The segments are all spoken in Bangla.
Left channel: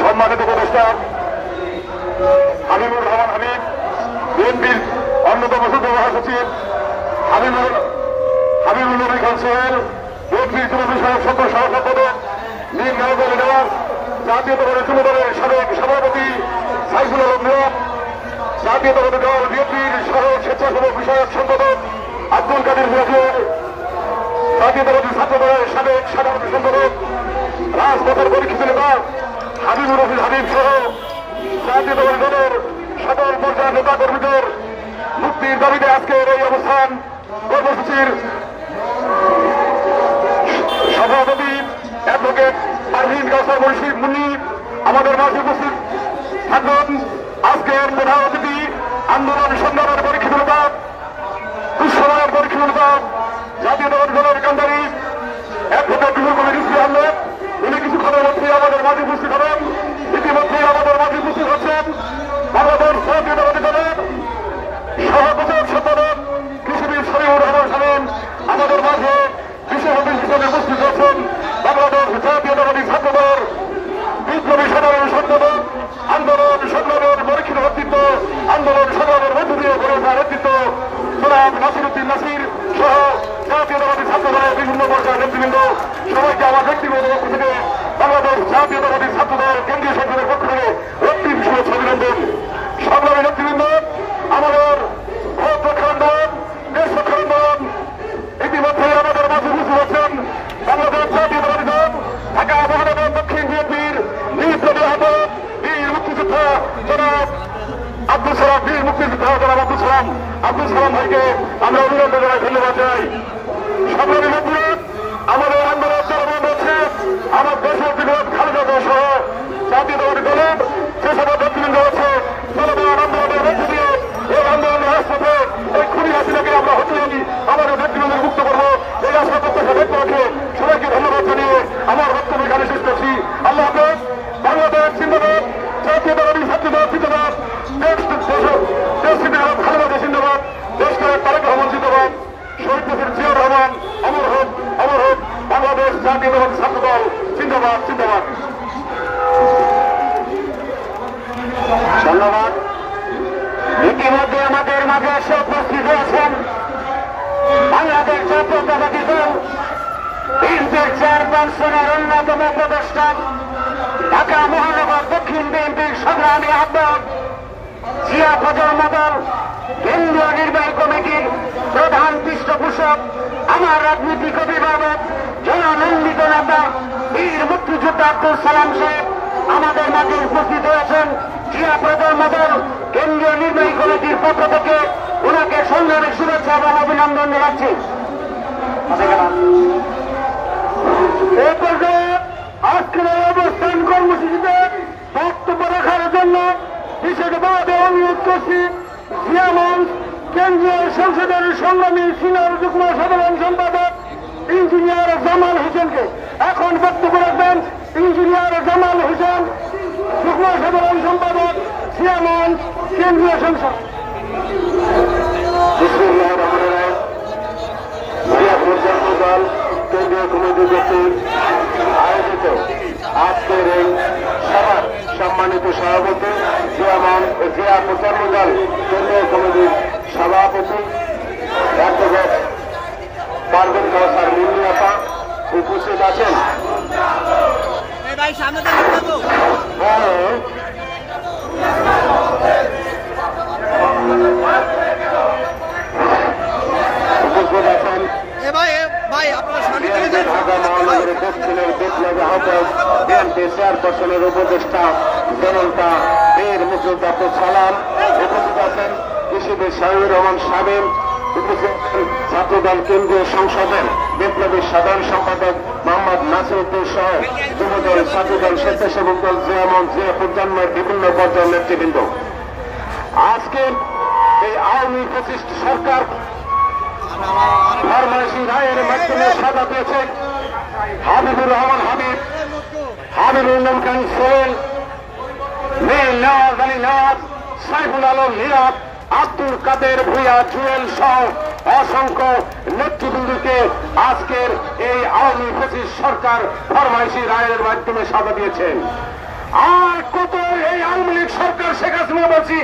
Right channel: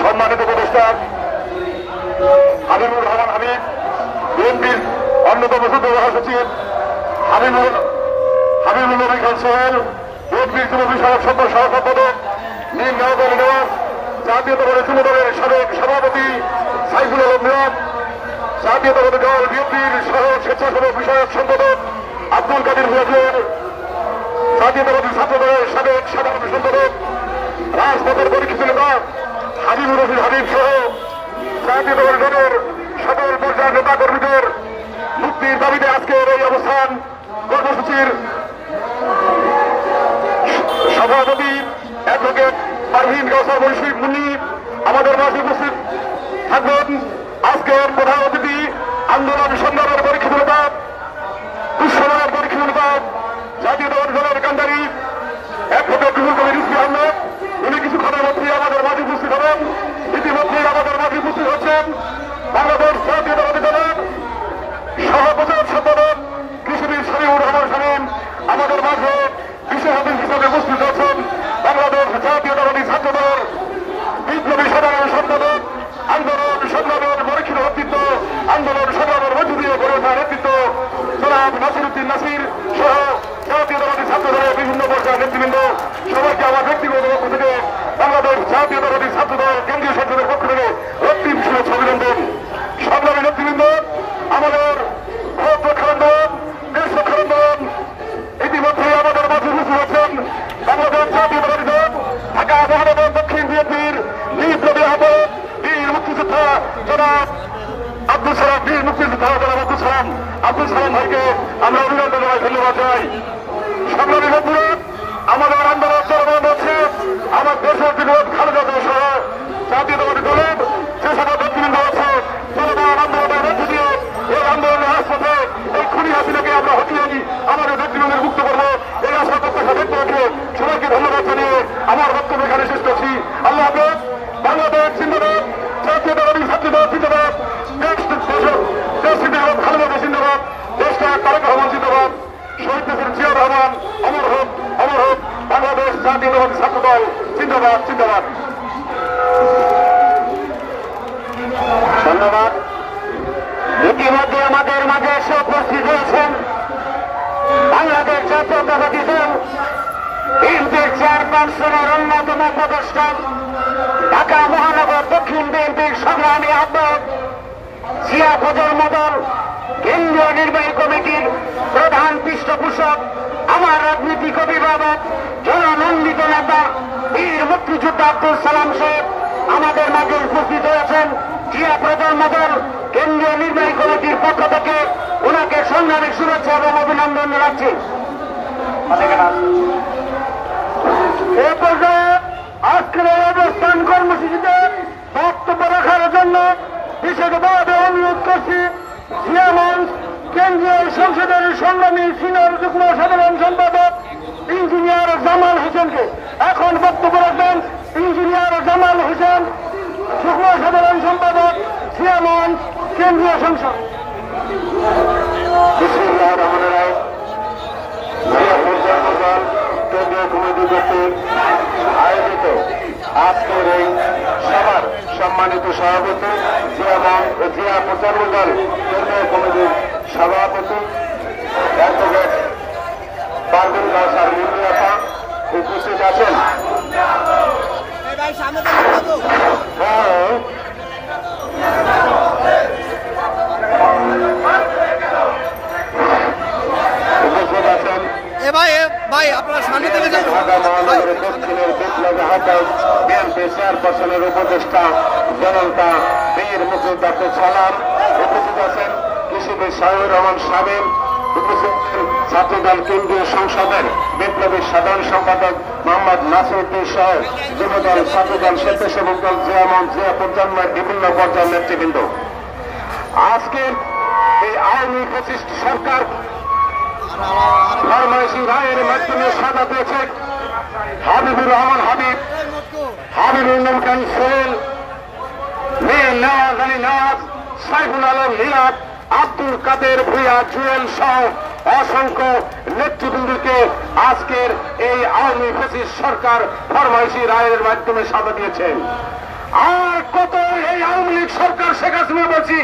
সম্মানিত উপদেষ্টা হাবিবুর রহমান হাবিব, বিএনপির অন্যতম যুগ্ম মহাসচিব হাবিবুল নবী খান সোহেল, বিএনপির যুব বিষয়ক সহ সম্পাদক নীল গাঁওবাড়ি দেওয়ার, জাতীয়তাবাদী যুবদলের সাবেক সভাপতি সাইফুল আলম মিয়া, জাতীয়তাবাদী দল বিএনপির সহ স্বেচ্ছাসেবক বিষয়ক সম্পাদক আব্দুল কাদের মিয়াজুর, জাতীয়তাবাদী ছাত্র দলের সাবেক সাধারণ সম্পাদক রাজপথের পরীক্ষিত নেতা হাবিবুর রশিদ হাবিব সহ জাতীয়তাবাদী দলের সকল পর্যায়ের নেতা কর্মীদের মুক্তির দাবিতে আজকের এই অবস্থান কর্মসূচির সভাপতি অ্যাডভোকেট পারভীন কাউসার মুন্সি মুন্নির আমাদের মাঝে উপস্থিত থাকবেন। আজকের প্রধান অতিথি আন্দোলন সংগ্রামের পরীক্ষিত নেতা, দুঃসময়ের পরীক্ষিত নেতা, জাতীয়তাবাদী দলের কান্দারি অ্যাডভোকেট রুহুল কবির রিজভী আহমেদ, উনি কিছুক্ষণের মধ্যেই আমাদের মাঝে উপস্থিত হবেন। ইতিমধ্যেই আমাদের মাঝে উপস্থিত হচ্ছেন বাংলাদেশ জাতীয়তাবাদী দলের সহপ্রচার সম্পাদক কৃষিবিদ শরীফুর রহমান শামীম, আমাদের মাঝে বিশেষ অতিথি হিসেবে উপস্থিত হচ্ছেন বাংলাদেশ জাতীয়তাবাদী ছাত্র দলের বিপ্লবী সাধারণ সম্পাদক, আন্দোলন সংগ্রামের পরীক্ষিত নেতৃত্ব, আন্দোলন সংগ্রামের মধ্য দিয়ে গড়ে ওঠা নেতৃত্ব জনাব নাসিরউদ্দিন নাসির সহ জাতীয়তাবাদী ছাত্র দলের বিভিন্ন পর্যায়ের নেতৃবৃন্দ, সবাইকে আমার ব্যক্তিগত পক্ষ থেকে বাংলাদেশ জাতীয়তাবাদী ছাত্র দল কেন্দ্রীয় সংসদের পক্ষ থেকে রক্তিম শুভেচ্ছা অভিনন্দন। সংগ্রামী নেতৃবৃন্দ, আমাদের ভোট রক্ষা আন্দোলন, দেশ রক্ষা আন্দোলন ইতিমধ্যেই আমাদের মাঝে উপস্থিত হচ্ছেন বাংলাদেশ জাতীয়তাবাদী দল ঢাকা মহানগর দক্ষিণ বিএনপির বিপ্লবী আহ্বায়ক বীর মুক্তিযোদ্ধা জনাব আব্দুল সালাম, বীর মুক্তিযোদ্ধা জনাব আব্দুল সালাম ভাইকে আমরা অভিনন্দন জানাই, ধন্যবাদ জানাই। সংগ্রামী বন্ধুরা, আমাদের আন্দোলন চলমান হচ্ছে। আমার দেশের বিরোধ খালেদা জিয়া সহ জাতীয়তাবাদী দলের যে সকল নেতৃবৃন্দ আছে চলমান আন্দোলনের মধ্য দিয়ে এই আন্দোলনের রাজপথে এই খুনি হাসিনাকে আমরা হটিয়ে আমাদের নেতৃবৃন্দের মুক্ত করবো, এই আশা প্রত্যাশা ব্যক্ত রাখে সবাইকে ধন্যবাদ জানিয়ে আমার বক্তব্য এখানে শেষ করছি। আল্লাহ হাফেজ। বাংলাদেশ জিন্দাবাদ, জাতীয়তাবাদী ছাত্র দল জিন্দাবাদ, দেশ জিন্দাবাদ, খালেদা জিয়া জিন্দাবাদ, দেশটা তারেক রহমান জিন্দাবাদ, শহীদ প্রেসিডেন্ট জিয়াউর রহমান অমর হোক, অমর হোক। বাংলাদেশ জাতীয়তাবাদী ছাত্র দল জিন্দাবাদ, জিন্দাবাদ। ধন্যবাদ। ইতিমধ্যে আমাদের মাঝে এসে উপস্থিত হয়েছেন বাংলাদেশ জাতীয়তাবাদী দল বিএনপির চেয়ারপারসনের অন্যতম উপদেষ্টা, ঢাকা মহানগর দক্ষিণ বিএনপির সংগ্রামী আহ্বায়ক, জিয়া ফজল মডেল কেন্দ্রীয় নির্বাহী কমিটির প্রধান পৃষ্ঠপোষক, আমার রাজনীতিক অভিভাবক, জননন্দিত নেতা বীর মুক্তিযোদ্ধা আব্দুল সালাম সাহেব আমাদের মাঝে উপস্থিত হয়েছেন। জিয়া ফজল মডেল কেন্দ্রীয় নির্বাহী কমিটির পক্ষ থেকে ওনাকে সংগ্রামী শুভেচ্ছা এবং অভিনন্দন জানাচ্ছি। এই পর্যায়ে আজকের অবস্থান কর্মসূচিতে বক্তব্য রাখার জন্য বিশেষভাবে অনুরোধ করছি জিয়া মঞ্চ কেন্দ্রীয় সংসদের সংগ্রামী সিনিয়র যুগ্ম সাধারণ সম্পাদক ইঞ্জিনিয়ার জামাল হোসেনকে। এখন বক্তব্য রাখবেন ইঞ্জিনিয়ার জামাল হোসেন, যুগ্ম সাধারণ সম্পাদক জিয়া মঞ্চ কেন্দ্রীয় সংসদ। কেন্দ্রীয় কমিটি কর্তৃক আয়োজিত আজকের এই সভার সম্মানিত সভাপতি জিয়া প্রচার দল কেন্দ্রীয় কমিটির সভাপতি অ্যাডভোকেট পারভীন কাউসার মুন্নি আপা উপস্থিত আছেন। উপস্থিত আছেন ঢাকা মহানগরের দক্ষিণের বিপ্লবী আহ্বায়ক বিএনপি চেয়ারপারসনের উপদেষ্টা জনতা বীর মুক্তিযোদ্ধা আব্দুল সালাম, উপস্থিত আছেন কৃষিবিদ শহীদুর রহমান শামীম, উপস্থিত আছেন ছাত্রদল কেন্দ্রীয় সংসদের বিপ্লবী সাধারণ সম্পাদক মোহাম্মদ নাসিরউদ্দিন সহ যুবদল, ছাত্রদল, স্বেচ্ছাসেবক দল, জিয়া মঞ্চ, জিয়া প্রজন্মের বিভিন্ন পর্যায়ের নেতৃবৃন্দ। আজকের এই আওয়ামী ফ্যাসিস্ট সরকার ফরমাইশি রায়ের মাধ্যমে সাজা পেয়েছে হাবিবুর রহমান হাবিব, হাবিবুল খান সোহেল, মীর নওয়াজ আলী নওয়াজ, সাইফুল আলম নিয়াদ, আব্দুল কাদের ভূঁইয়া জুয়েল সহ অসংখ্য নেতৃবৃন্দকে আজকের এই আওয়ামী ফ্যাসিস্ট সরকার ফরমাইশি রায়ের মাধ্যমে সাজা দিয়েছেন। আর কত এই আওয়ামী লীগ সরকার শেখ হাসিনা বলছি,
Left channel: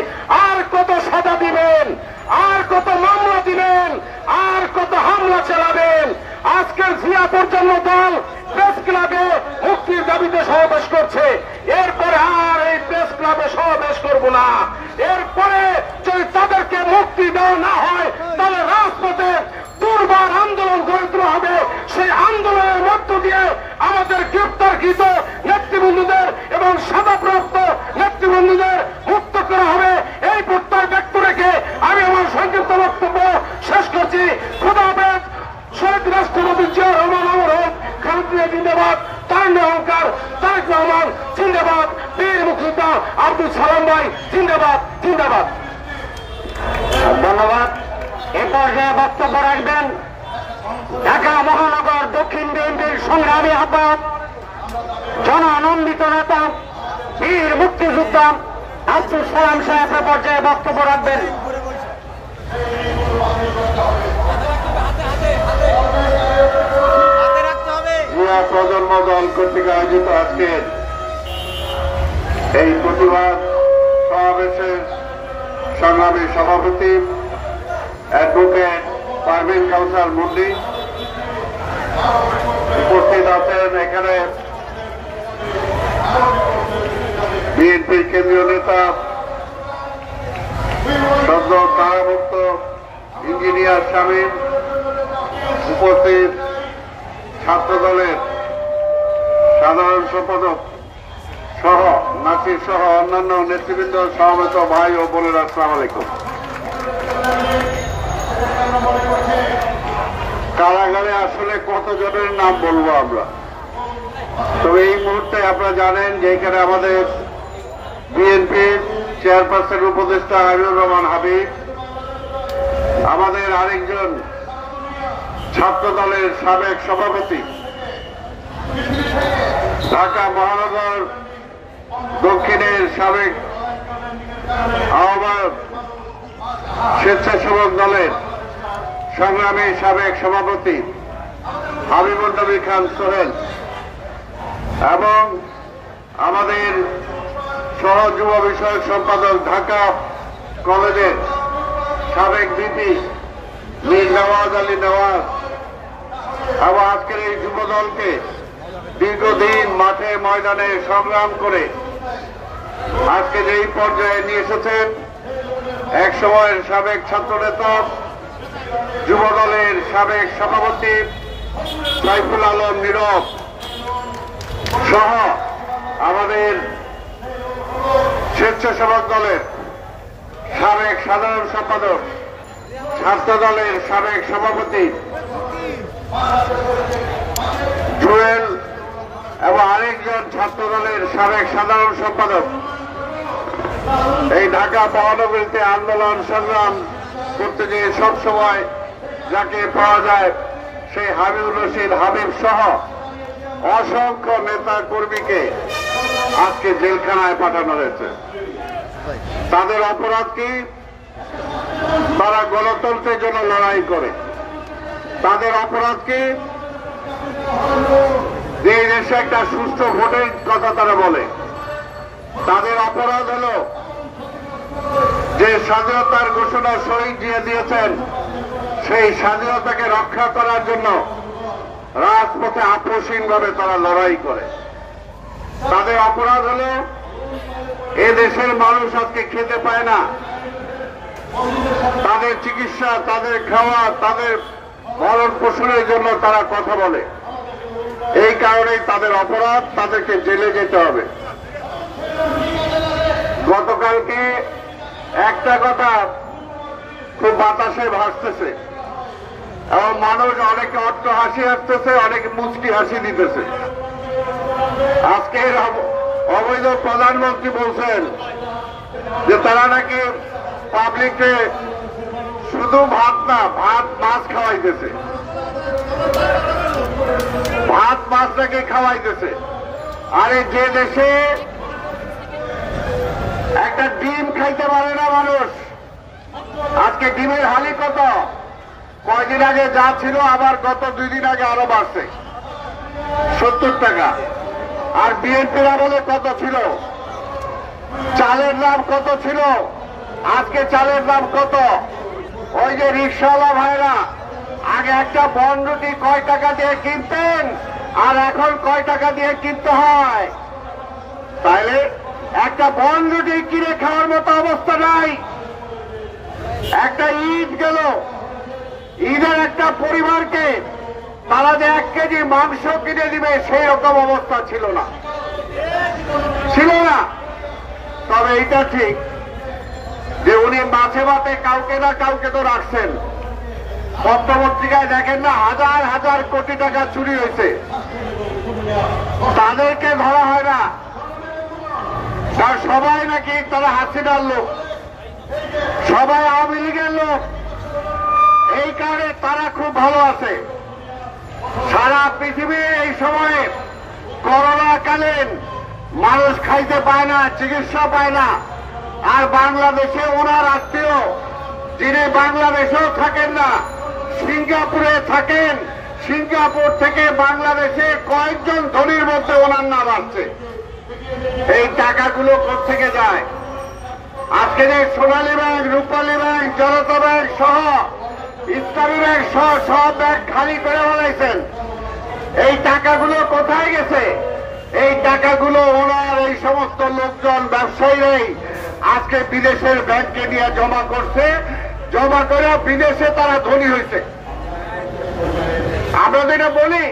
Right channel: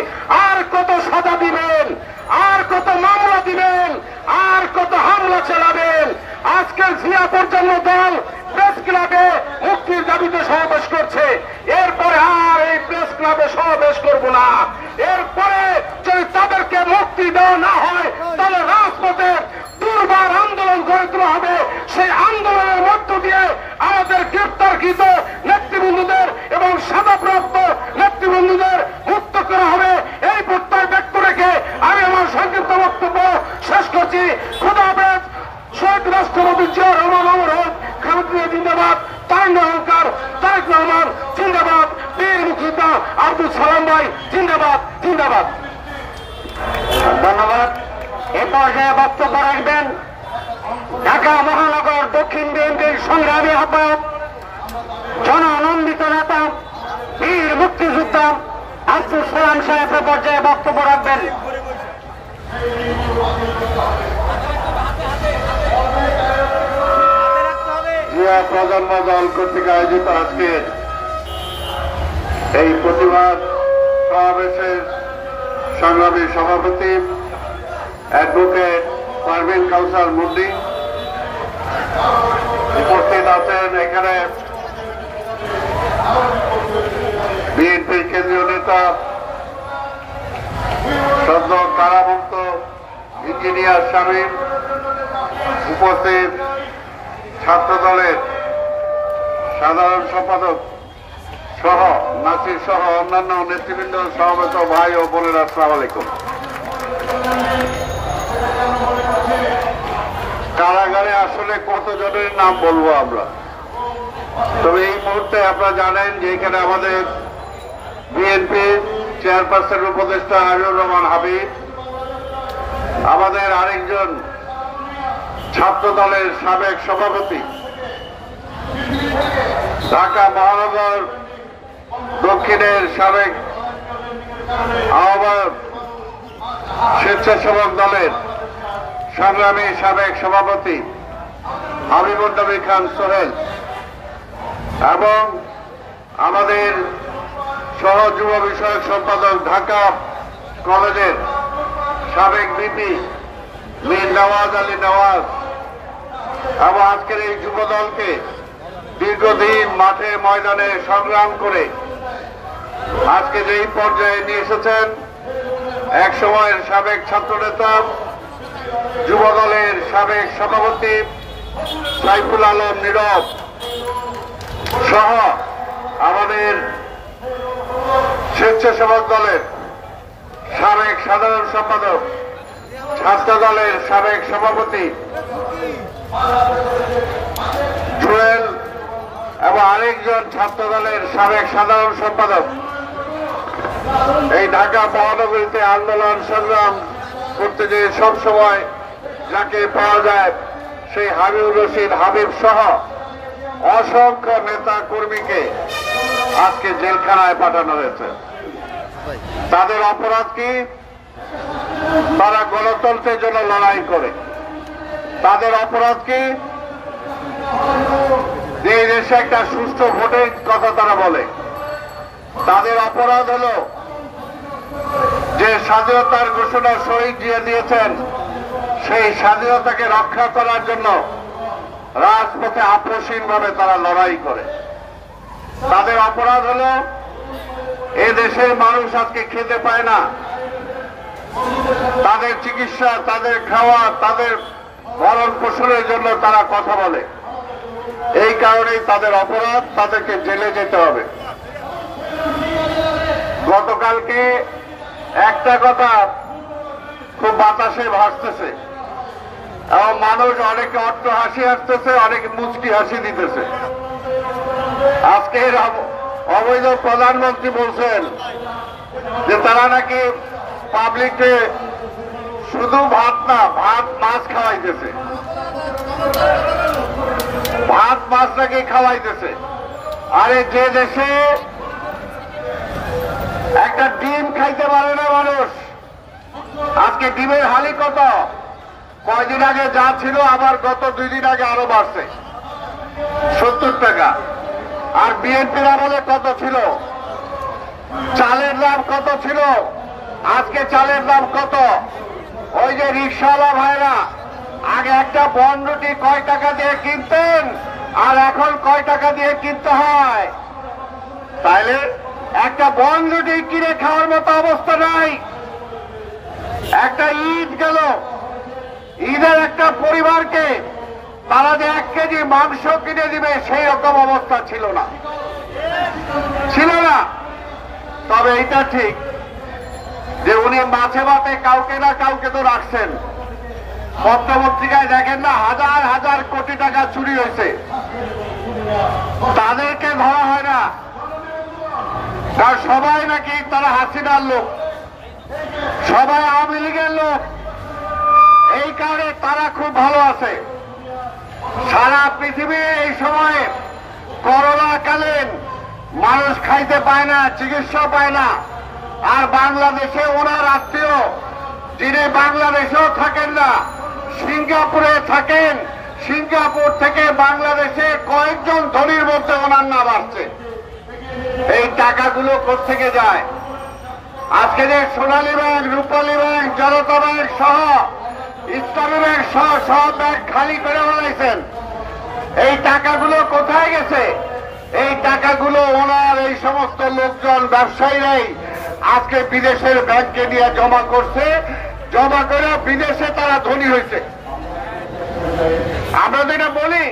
আর কত সাজা দিবেন, আর কত মামলা দিবেন, আর কত হামলা চালাবেন? আজকের জিয়া পর্যন্ত দল প্রেস ক্লাবে মুক্তির দাবিতে সমাবেশ করছে। এরপরে আর এই প্রেস ক্লাবে সমাবেশ করব না। এরপরে যদি তাদেরকে মুক্তি দেওয়া না হয় তাহলে রাজপথে দুর্বার আন্দোলন গড়ে তোলা হবে। সেই আন্দোলনের মধ্য দিয়ে আমাদের গ্রেপ্তারকৃত নেতৃবৃন্দদের এবং সাজাপ্রাপ্ত নেতৃবৃন্দদের মুক্ত করা হবে। এই প্রত্যয় ব্যক্ত রেখে আমি আমার সংক্ষিপ্ত বক্তব্য শেষ করছি। খোদা হাফেজ। শহীদ রাষ্ট্রপতি জিয়া রহমান অমর হোক। খালেদা জিন্দাবাদ। তারেক অহংকার তারেক রহমান জিন্দাবাদ। বীর মুক্তিযোদ্ধা আব্দুল সালাম ভাই জিন্দাবাদ জিন্দাবাদ। ধন্যবাদ। এ পর্যায়ে বক্তব্য রাখবেন ঢাকা মহানগর দক্ষিণ বিএনপির সংগ্রামী আহ্বায়ক, জনানন্দিত নেতা, বীর মুক্তিযোদ্ধা আব্দুল সালাম সাহেব এ পর্যায়ে বক্তব্য রাখবেন। যুব প্রজন্ম দল কর্তৃক আয়োজিত আজকে এই প্রতিবাদ সমাবেশের সংগ্রামী সভাপতি অ্যাডভোকেট পারভীন কাউসার মুন্ডি উপস্থিত আছেন। এখানে বিএনপির কেন্দ্রীয় নেতা সদ্য কারামুক্ত ইঞ্জিনিয়ার শামীম, উপস্থিত ছাত্র দলের সাধারণ সম্পাদক সহ নাসির সহ অন্যান্য নেতৃবৃন্দ, সমবেত ভাই ও বোনেরা, আসসালামু আলাইকুম। কারাগারে আসলে কতজনের নাম বলবো আমরা? তবে এই মুহূর্তে আপনারা জানেন যে এখানে আমাদের বিএনপি চেয়ারপারসন উপদেষ্টা হাবিবুর রহমান হাবিব, আমাদের আরেকজন ছাত্র দলের সাবেক সভাপতি, ঢাকা মহানগর দক্ষিণের সাবেক আহ্বায়ক, স্বেচ্ছাসেবক দলের সংগ্রামী সাবেক সভাপতি হাবিবুর নবী খান সোহেল এবং আমাদের সহ যুব বিষয়ক সম্পাদক ঢাকা কলেজের সাবেক ভিপি মীর নওয়াজ আলী নওয়াজ এবং আজকের এই যুব দলকে দীর্ঘদিন মাঠে ময়দানে সংগ্রাম করে আজকে যেই পর্যায়ে নিয়ে এসেছেন, এক সময়ের সাবেক ছাত্রনেতা, যুব দলের সাবেক সভাপতি সাইফুল আলম নীরব সহ আমাদের স্বেচ্ছাসেবক দলের সাবেক সাধারণ সম্পাদক, ছাত্র দলের সাবেক সভাপতি জুয়েল এবং আরেকজন ছাত্র দলের সাবেক সাধারণ সম্পাদক, এই ঢাকা মহানগরীতে আন্দোলন সংগ্রাম করতে যে সবসময় যাকে পাওয়া যায় সেই হাবিবুর রশিদ হাবিব সহ অসংখ্য নেতা কর্মীকে আজকে জেলখানায় পাঠানো হয়েছে। তাদের অপরাধ কি? তারা গণতন্ত্রের জন্য লড়াই করে। তাদের অপরাধ কি? যে দেশে একটা সুষ্ঠু ভোটের কথা তারা বলে। তাদের অপরাধ হল যে স্বাধীনতার ঘোষণা শহীদ দিয়ে দিয়েছেন, সেই স্বাধীনতাকে রক্ষা করার জন্য রাজপথে আপোষহীনভাবে তারা লড়াই করে। তাদের অপরাধ হল এ দেশের মানুষ আজকে খেতে পায় না, তাদের চিকিৎসা, তাদের খাওয়া, তাদের ভরণ পোষণের জন্য তারা কথা বলে। এই কারণেই তাদের অপরাধ, তাদেরকে জেলে যেতে হবে। গতকালকে একটা কথা খুব বাতাসে ভাসতেছে এবং মানুষ অনেকে অট্ট হাসি আসতেছে, অনেকে মুচকি হাসি দিতেছে। আজকের অবৈধ প্রধানমন্ত্রী বলছেন যে তারা নাকি পাবলিককে শুধু ভাত না, ভাত মাছ খাওয়াইতেছে, ভাত মাছ নাকি খাওয়াইতেছে। আরে যে দেশে একটা ডিম খাইতে পারে না মানুষ, আজকে ডিমের হালি কত? কয়দিন আগে যা ছিল আবার গত 2 দিন আগে আরো বাড়ছে 70 টাকা। আর বিএনপির আমলে কত ছিল? চালের দাম কত ছিল? আজকে চালের দাম কত? ওই যে রিকশাওয়ালা ভাইরা আগে একটা বন্ডটি কয় টাকা দিয়ে কিনতেন আর এখন কয় টাকা দিয়ে কিনতে হয়? তাহলে একটা বন্ডটি কিনে খাওয়ার মতো অবস্থা নাই। একটা ঈদ গেল, ঈদের একটা পরিবারকে তারা যে 1 কেজি মাংস কিনে দিবে সেই রকম অবস্থা ছিল না। তবে এটা ঠিক যে উনি মাঝে মাঝে কাউকে না কাউকে তো রাখছেন। পত্রপত্রিকায় দেখেন না, হাজার হাজার কোটি টাকা চুরি হয়েছে, তাদেরকে ধরা হয় না। কারণ সবাই নাকি তারা হাসিনার লোক, সবাই আওয়ামী লীগের লোক, এই কারণে তারা খুব ভালো আছে। সারা পৃথিবী এই সময়ে করোনাকালীন মানুষ খাইতে পায় না, চিকিৎসা পায় না। আর বাংলাদেশে ওনার আত্মীয় যিনি বাংলাদেশেও থাকেন না, সিঙ্গাপুরে থাকেন, সিঙ্গাপুর থেকে বাংলাদেশে কয়েকজন ধনীর মধ্যে ওনার নাম আসছে। এই টাকাগুলো কোত্থেকে যায়? আজকে যে সোনালী ব্যাংক, রূপালী ব্যাংক, জনতা ব্যাংক সহ ইসলামী ব্যাংক সহ সব ব্যাংক খালি করে ফেলাইছেন, এই টাকাগুলো কোথায় গেছে? এই টাকাগুলো ওনার এই সমস্ত লোকজন ব্যবসায়ীরাই আজকে বিদেশের ব্যাংকে নিয়ে জমা করছে, জমা করে বিদেশে তারা ধনী হয়েছে। আমরা যেটা বলি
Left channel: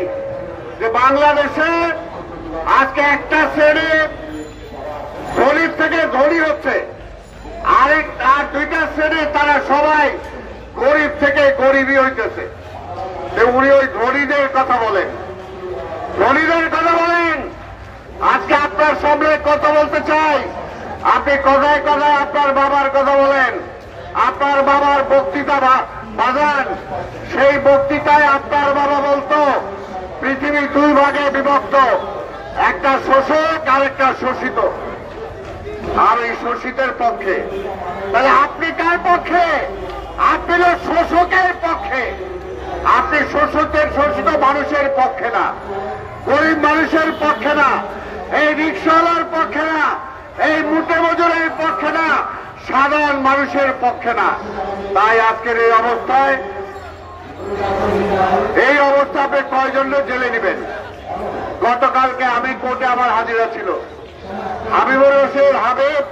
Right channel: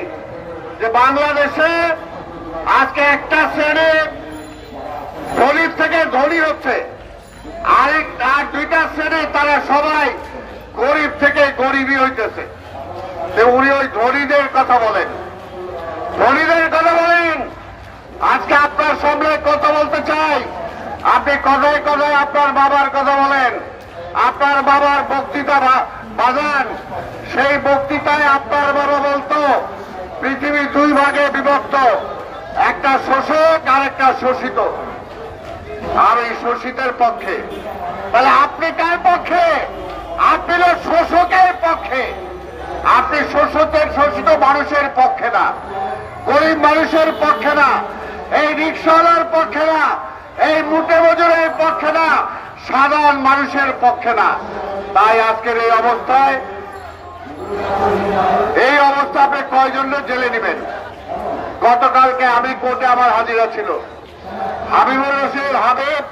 যে বাংলাদেশে আজকে একটা শ্রেণী ধনীর থেকে ধনী হচ্ছে, আর 2টা শ্রেণী তারা সবাই গরিব থেকে গরিবই হইতেছে। উনি ওই ধনীদের কথা বলেন, ধনীদের কথা বলেন। আজকে আপনার সামনে কথা বলতে চাই, আপনি কথায় কথায় আপনার বাবার কথা বলেন, আপনার বাবার বক্তৃতা বাজান। সেই বক্তৃতায় আপনার বাবা বলতো পৃথিবী 2 ভাগে বিভক্ত, একটা শোষক আর একটা শোষিত। আর এই শোষিতের পক্ষে। তাহলে আপনি কার পক্ষে? আপনি হল শোষকের পক্ষে। আপনি শোষিত মানুষের পক্ষে না, গরিব মানুষের পক্ষে না, এই রিকশাওয়ালার পক্ষে না, এই মুটে মজুরের পক্ষে না, সাধারণ মানুষের পক্ষে না। তাই আজকের এই অবস্থায় আপনি কয়জন জেলে নেবেন? গতকালকে আমি কোর্টে আমার হাজিরা ছিল, হাবিবুর রশিদ হাবিব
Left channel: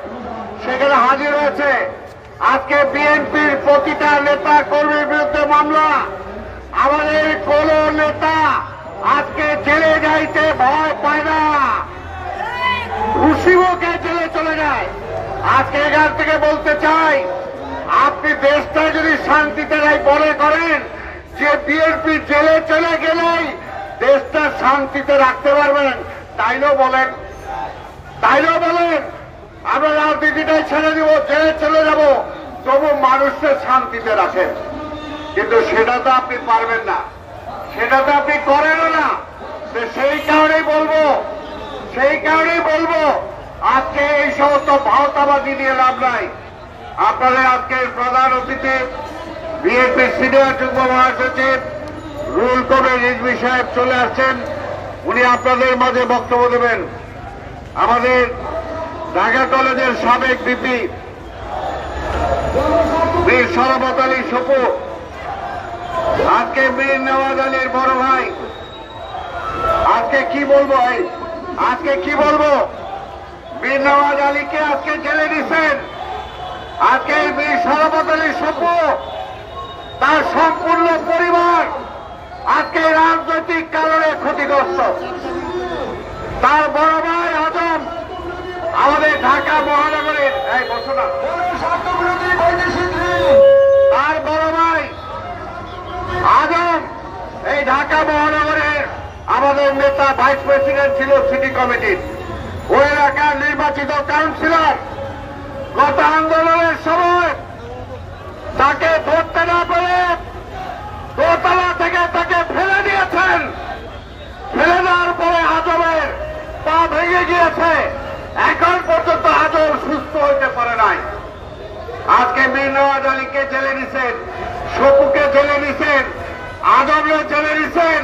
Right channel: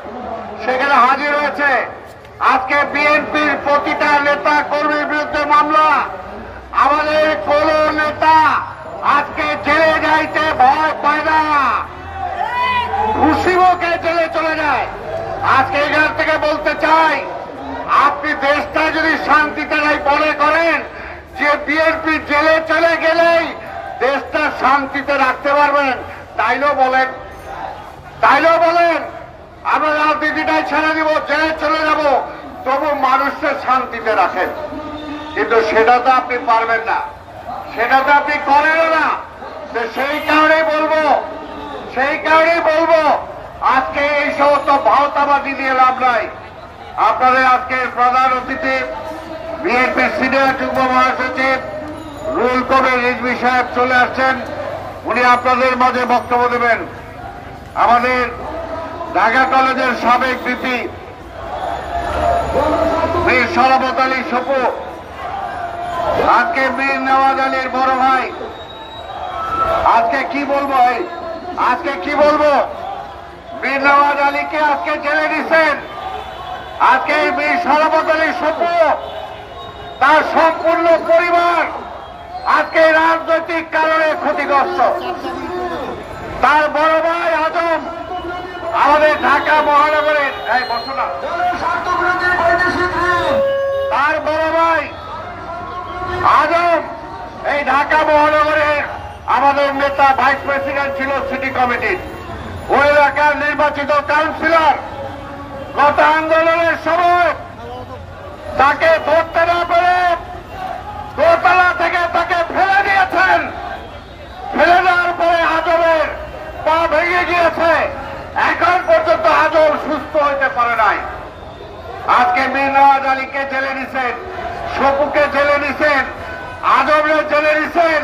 সেখানে হাজির হয়েছে। আজকে বিএনপির প্রতিটা নেতা কর্মীর বিরুদ্ধে মামলা। আমাদের কোন নেতা আজকে জেলে যাইতে ভয় পায় না, খুশিমুখে জেলে চলে যায়। আজকে এখান থেকে বলতে চাই, আপনি দেশটা যদি শান্তিতে মনে করেন যে বিএনপি জেলে চলে গেলেই দেশটা শান্তিতে রাখতে পারবেন, তাইলেও বলেন, আমরা রাজনীতিটাই ছেড়ে দিব, জেলে চলে যাব, তবু মানুষকে শান্তিতে রাখেন। কিন্তু সেটা তো আপনি পারবেন না, সেটা তো আপনি করেন না। সেই কারণেই বলবো আজকে এই সমস্ত ভাওতাবাজি দিয়ে লাভ নাই। আপনাদের আজকের প্রধান অতিথি বিএনপির সিনিয়র যুগ্ম মহাসচিব রুহুল কবির রিজভী সাহেব চলে আসছেন, উনি আপনাদের মাঝে বক্তব্য দেবেন। আমাদের ঢাকা কলেজের সাবেক ভিপি মীর শরাফত আলী সপু, আজকে মীর নওয়াজ আলীর বড় ভাই, আজকে কি বলবো মীর নওয়াজ আলীকে আজকে জেলে দিচ্ছেন। আজকে মীর শরাফত আলী সপু, তার সম্পূর্ণ পরিবার আজকে রাজনৈতিক কারণে ক্ষতিগ্রস্ত। তার বড় ভাই আজম আমাদের ঢাকা মহানগরের তার বড় ভাই আজম এই ঢাকা মহানগরের আমাদের নেতা, ভাইস প্রেসিডেন্ট ছিল সিটি কমিটির, ওই এলাকার নির্বাচিত কাউন্সিলর। গত আন্দোলনের সময় তাকে ধরতে না পেরে দোতলা থেকে তাকে ফেলে দিয়েছেন। ফেলে দেওয়ার পরে আজমের পা ভেঙে গিয়েছে, এখন পর্যন্ত আজম সুস্থ হইতে পারে নাই। আজকে মীর নওয়াজ আলীকে জেলে দিচ্ছেন, সপুকে জেলে নিছেন, আজমেও জেলে নিছেন।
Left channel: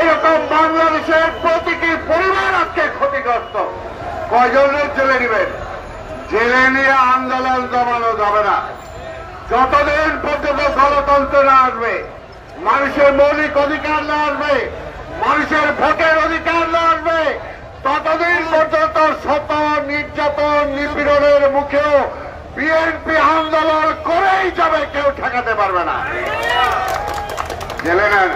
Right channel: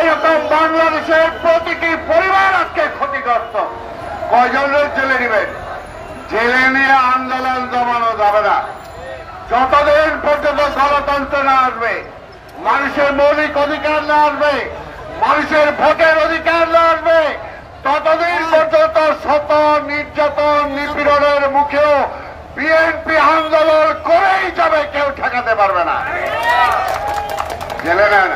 এরকম বাংলাদেশের প্রতিটি পরিবার আজকে ক্ষতিগ্রস্ত। কয়জনের জেলে নেবেন? জেলে নিয়ে আন্দোলন দমানো যাবে না। যতদিন পর্যন্ত গণতন্ত্র না আসবে, মানুষের মৌলিক অধিকার না আসবে, মানুষের ভোটের অধিকার না আসবে, ততদিন পর্যন্ত শত নির্যাতন নিপীড়নের মুখেও বিএনপি আন্দোলন করেই যাবে, কেউ ঠেকাতে পারবে না। জেলে নেন।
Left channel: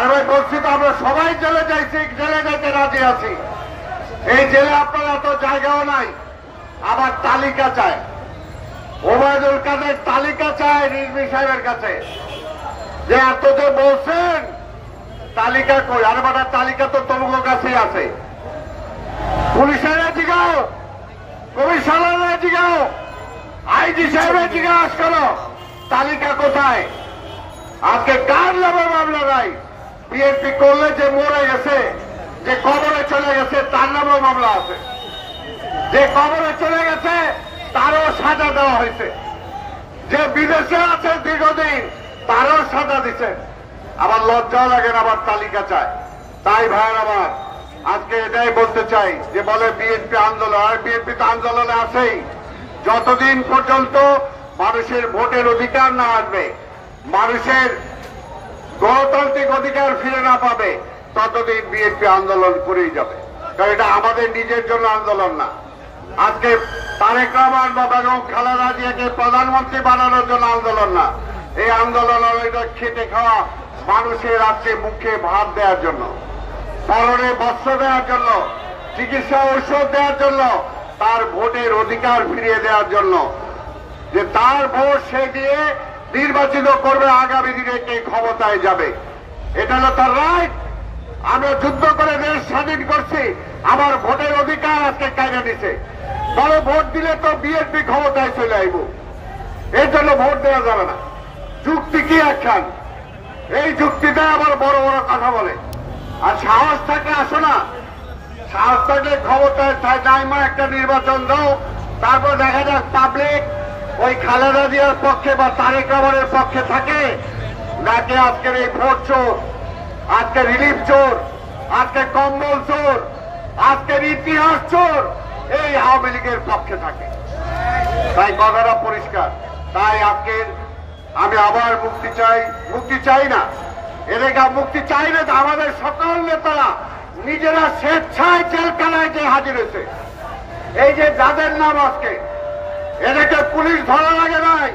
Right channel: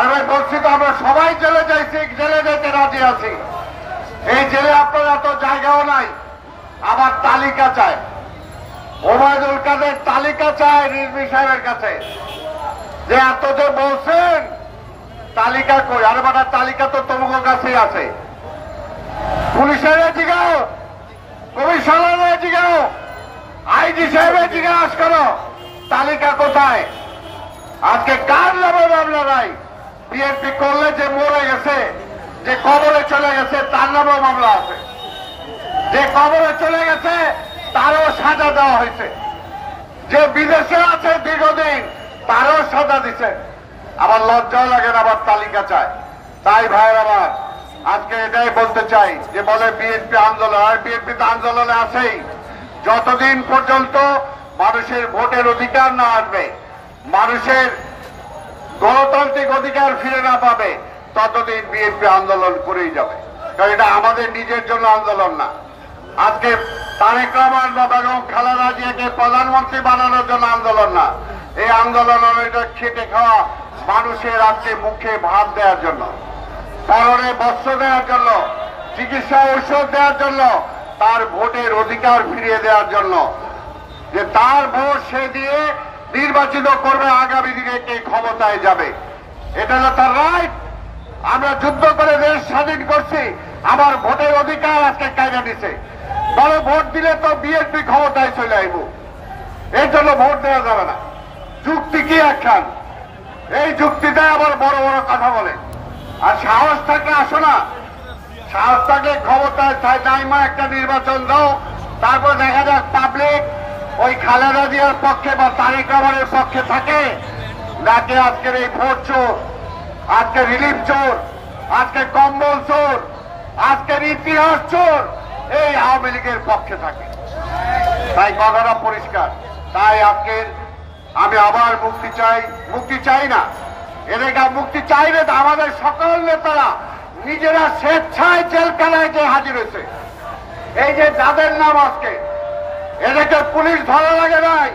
আমরা বলছি তো, আমরা সবাই জেলে যাইছি, জেলে যেতে রাজি আছি। এই জেলে আপনার এত জায়গাও নাই। আবার তালিকা চায়, ওবায়দুল কাদের তালিকা চায় রিজভী সাহেবের কাছে, যে এত যে বলছেন তালিকা কই। আর বাটা তালিকা তো তোমার কাছেই আছে। পুলিশের জিগাও, কমিশনারের জিগাও, আইজি সাহেবের জিজ্ঞাস করো তালিকা কোথায়। আজকে কার নামে মামলা নাই? বিএনপি করলে যে মরে গেছে, যে কবরে চলে গেছে, তার নামেও মামলা আছে। যে কবরে চলে গেছে তারও সাজা দেওয়া হয়েছে। যে বিদেশে আছে দীর্ঘদিন, তারও সাজা দিচ্ছেন। আবার লজ্জা লাগে না, আবার তালিকা চায়। তাই ভাইয়ের আমার আজকে এটাই বলতে চাই, যে বলে বিএনপি আন্দোলন, আর বিএনপি তো আন্দোলনে আছেই। যতদিন পর্যন্ত মানুষের ভোটের অধিকার না আসবে, মানুষের গণতান্ত্রিক অধিকার ফিরে না পাবে, ততদিন বিএনপি আন্দোলন করেই যাবে। কারণ এটা আমাদের নিজের জন্য আন্দোলন না। আজকে তারেক রহমান বা বেগম খালেদা জিয়াকে প্রধানমন্ত্রী বানানোর জন্য আন্দোলন না। এই আন্দোলন এটা খেটে খাওয়া মানুষের আজকে মুখে ভাত দেওয়ার জন্য, পরনে বস্ত্র দেওয়ার জন্য, চিকিৎসা ঔষধ দেওয়ার জন্য, তার ভোটের অধিকার ফিরিয়ে দেওয়ার জন্য, যে তার ভোট সে দিয়ে নির্বাচিত করবে, আগামী দিনে কে ক্ষমতায় যাবে। এটা হলো তার রাইট। আমরা যুদ্ধ করে দেশ স্বাধীন করছি, আমার ভোটের অধিকার আজকে কাজে দিছে। বড় ভোট দিলে তো বিএনপি ক্ষমতায় চলে আইব, এর জন্য ভোট দেওয়া যাবে না। যুক্তি কি একখান, এই যুক্তিতে আবার বড় বড় কথা বলে। আর সাহস থাকে আসো না, সাহস থাকে ক্ষমতায় নাইমা একটা নির্বাচন দাও, তারপর দেখা যাক পাবলিক ওই খালেদা জিয়ার পক্ষে বা তারেক রহমানের পক্ষে থাকে নাকি আজকের এই ভোট চোর, আজকে রিলিফ চোর, আজকে কম্বল চোর, আজকের ইতিহাস চোর এই আওয়ামী লীগের পক্ষে থাকে। তাই কথাটা পরিষ্কার। তাই আজকে আমি আবার মুক্তি চাই না, এদেরকে মুক্তি চাইলে তো আমাদের সকল নেতারা নিজেরা স্বেচ্ছায় জেলখানায় যে হাজির হয়েছে। এই যে যাদের নাম আজকে, এদেরকে পুলিশ ধরা লাগে নাই,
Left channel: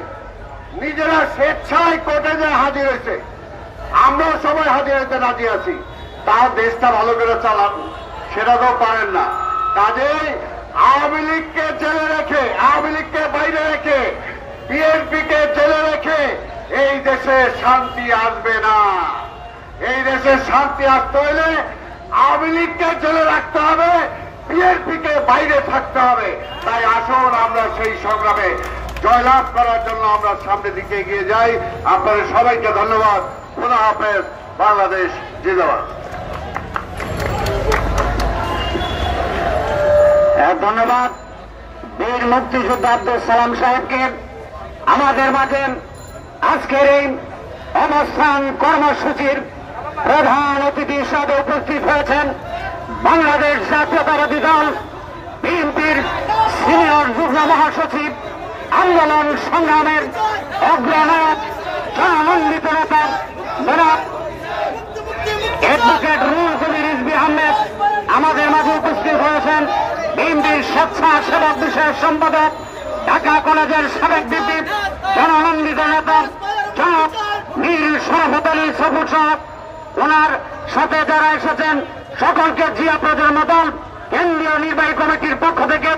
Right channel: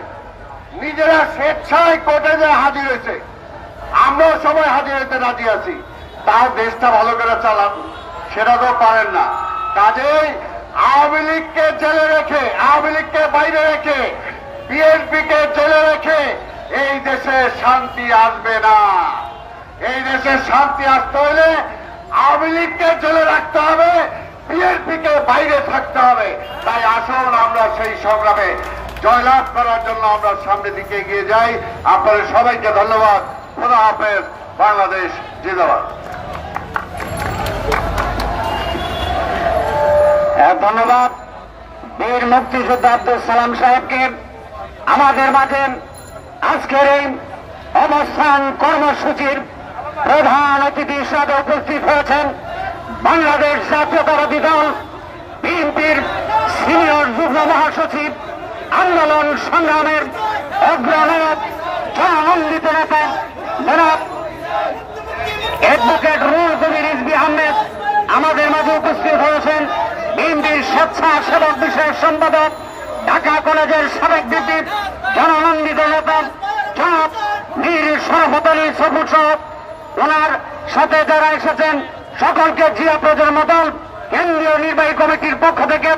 নিজেরা স্বেচ্ছায় কোর্টে যে হাজির হয়েছে। আমরাও সবাই হাজির হইতে রাজি আছি। তাও দেশটা ভালো করে চালান, সেটা তো পারেন না। কাজেই আওয়ামী লীগকে জেলে রেখে, আওয়ামী লীগকে বাইরে রেখে, বিএনপিকে জেলে রেখে এই দেশে শান্তি আসবে না। এই দেশে শান্তি আসতে হলে আওয়ামী লীগকে জেলে রাখতে হবে, বিএনপিকে বাইরে থাকতে হবে। তাই আসুন আমরা সেই সংগ্রামে জয়লাভ করার জন্য আমরা সামনের দিকে এগিয়ে যাই। আপনাদের সবাইকে ধন্যবাদ। খোদা হাফেজ। বাংলাদেশ জিন্দাবাদ। ধন্যবাদ বীর মুক্তিযোদ্ধা আব্দুল সালাম সাহেবকে। আমাদের মাঝে আজকের এই অবস্থান কর্মসূচির প্রধান অতিথি হিসাবে উপস্থিত হয়েছেন বাংলাদেশ জাতীয়তাবাদী দল বিএনপির সিনিয়র যুগ্ম মহাসচিব, আন্দোলন সংগ্রামের অগ্রনায়ক, জনানন্দিত নেতা জনাব অ্যাডভোকেট রুহুল কবির রিজভী আহমেদ আমাদের মাঝে উপস্থিত হয়েছেন। বিএনপির স্বেচ্ছাসেবক বিষয়ক সম্পাদক, ঢাকা কলেজের সাবেক ভিপি, জনানন্দিত নেতা জনাব মীর শরাফত আলী সফুর সাহেব। ওনার সাথে যারা এসেছেন সকলকে জিয়া প্রজন্ম দল কেন্দ্রীয় নির্বাহী কমিটির পক্ষ থেকে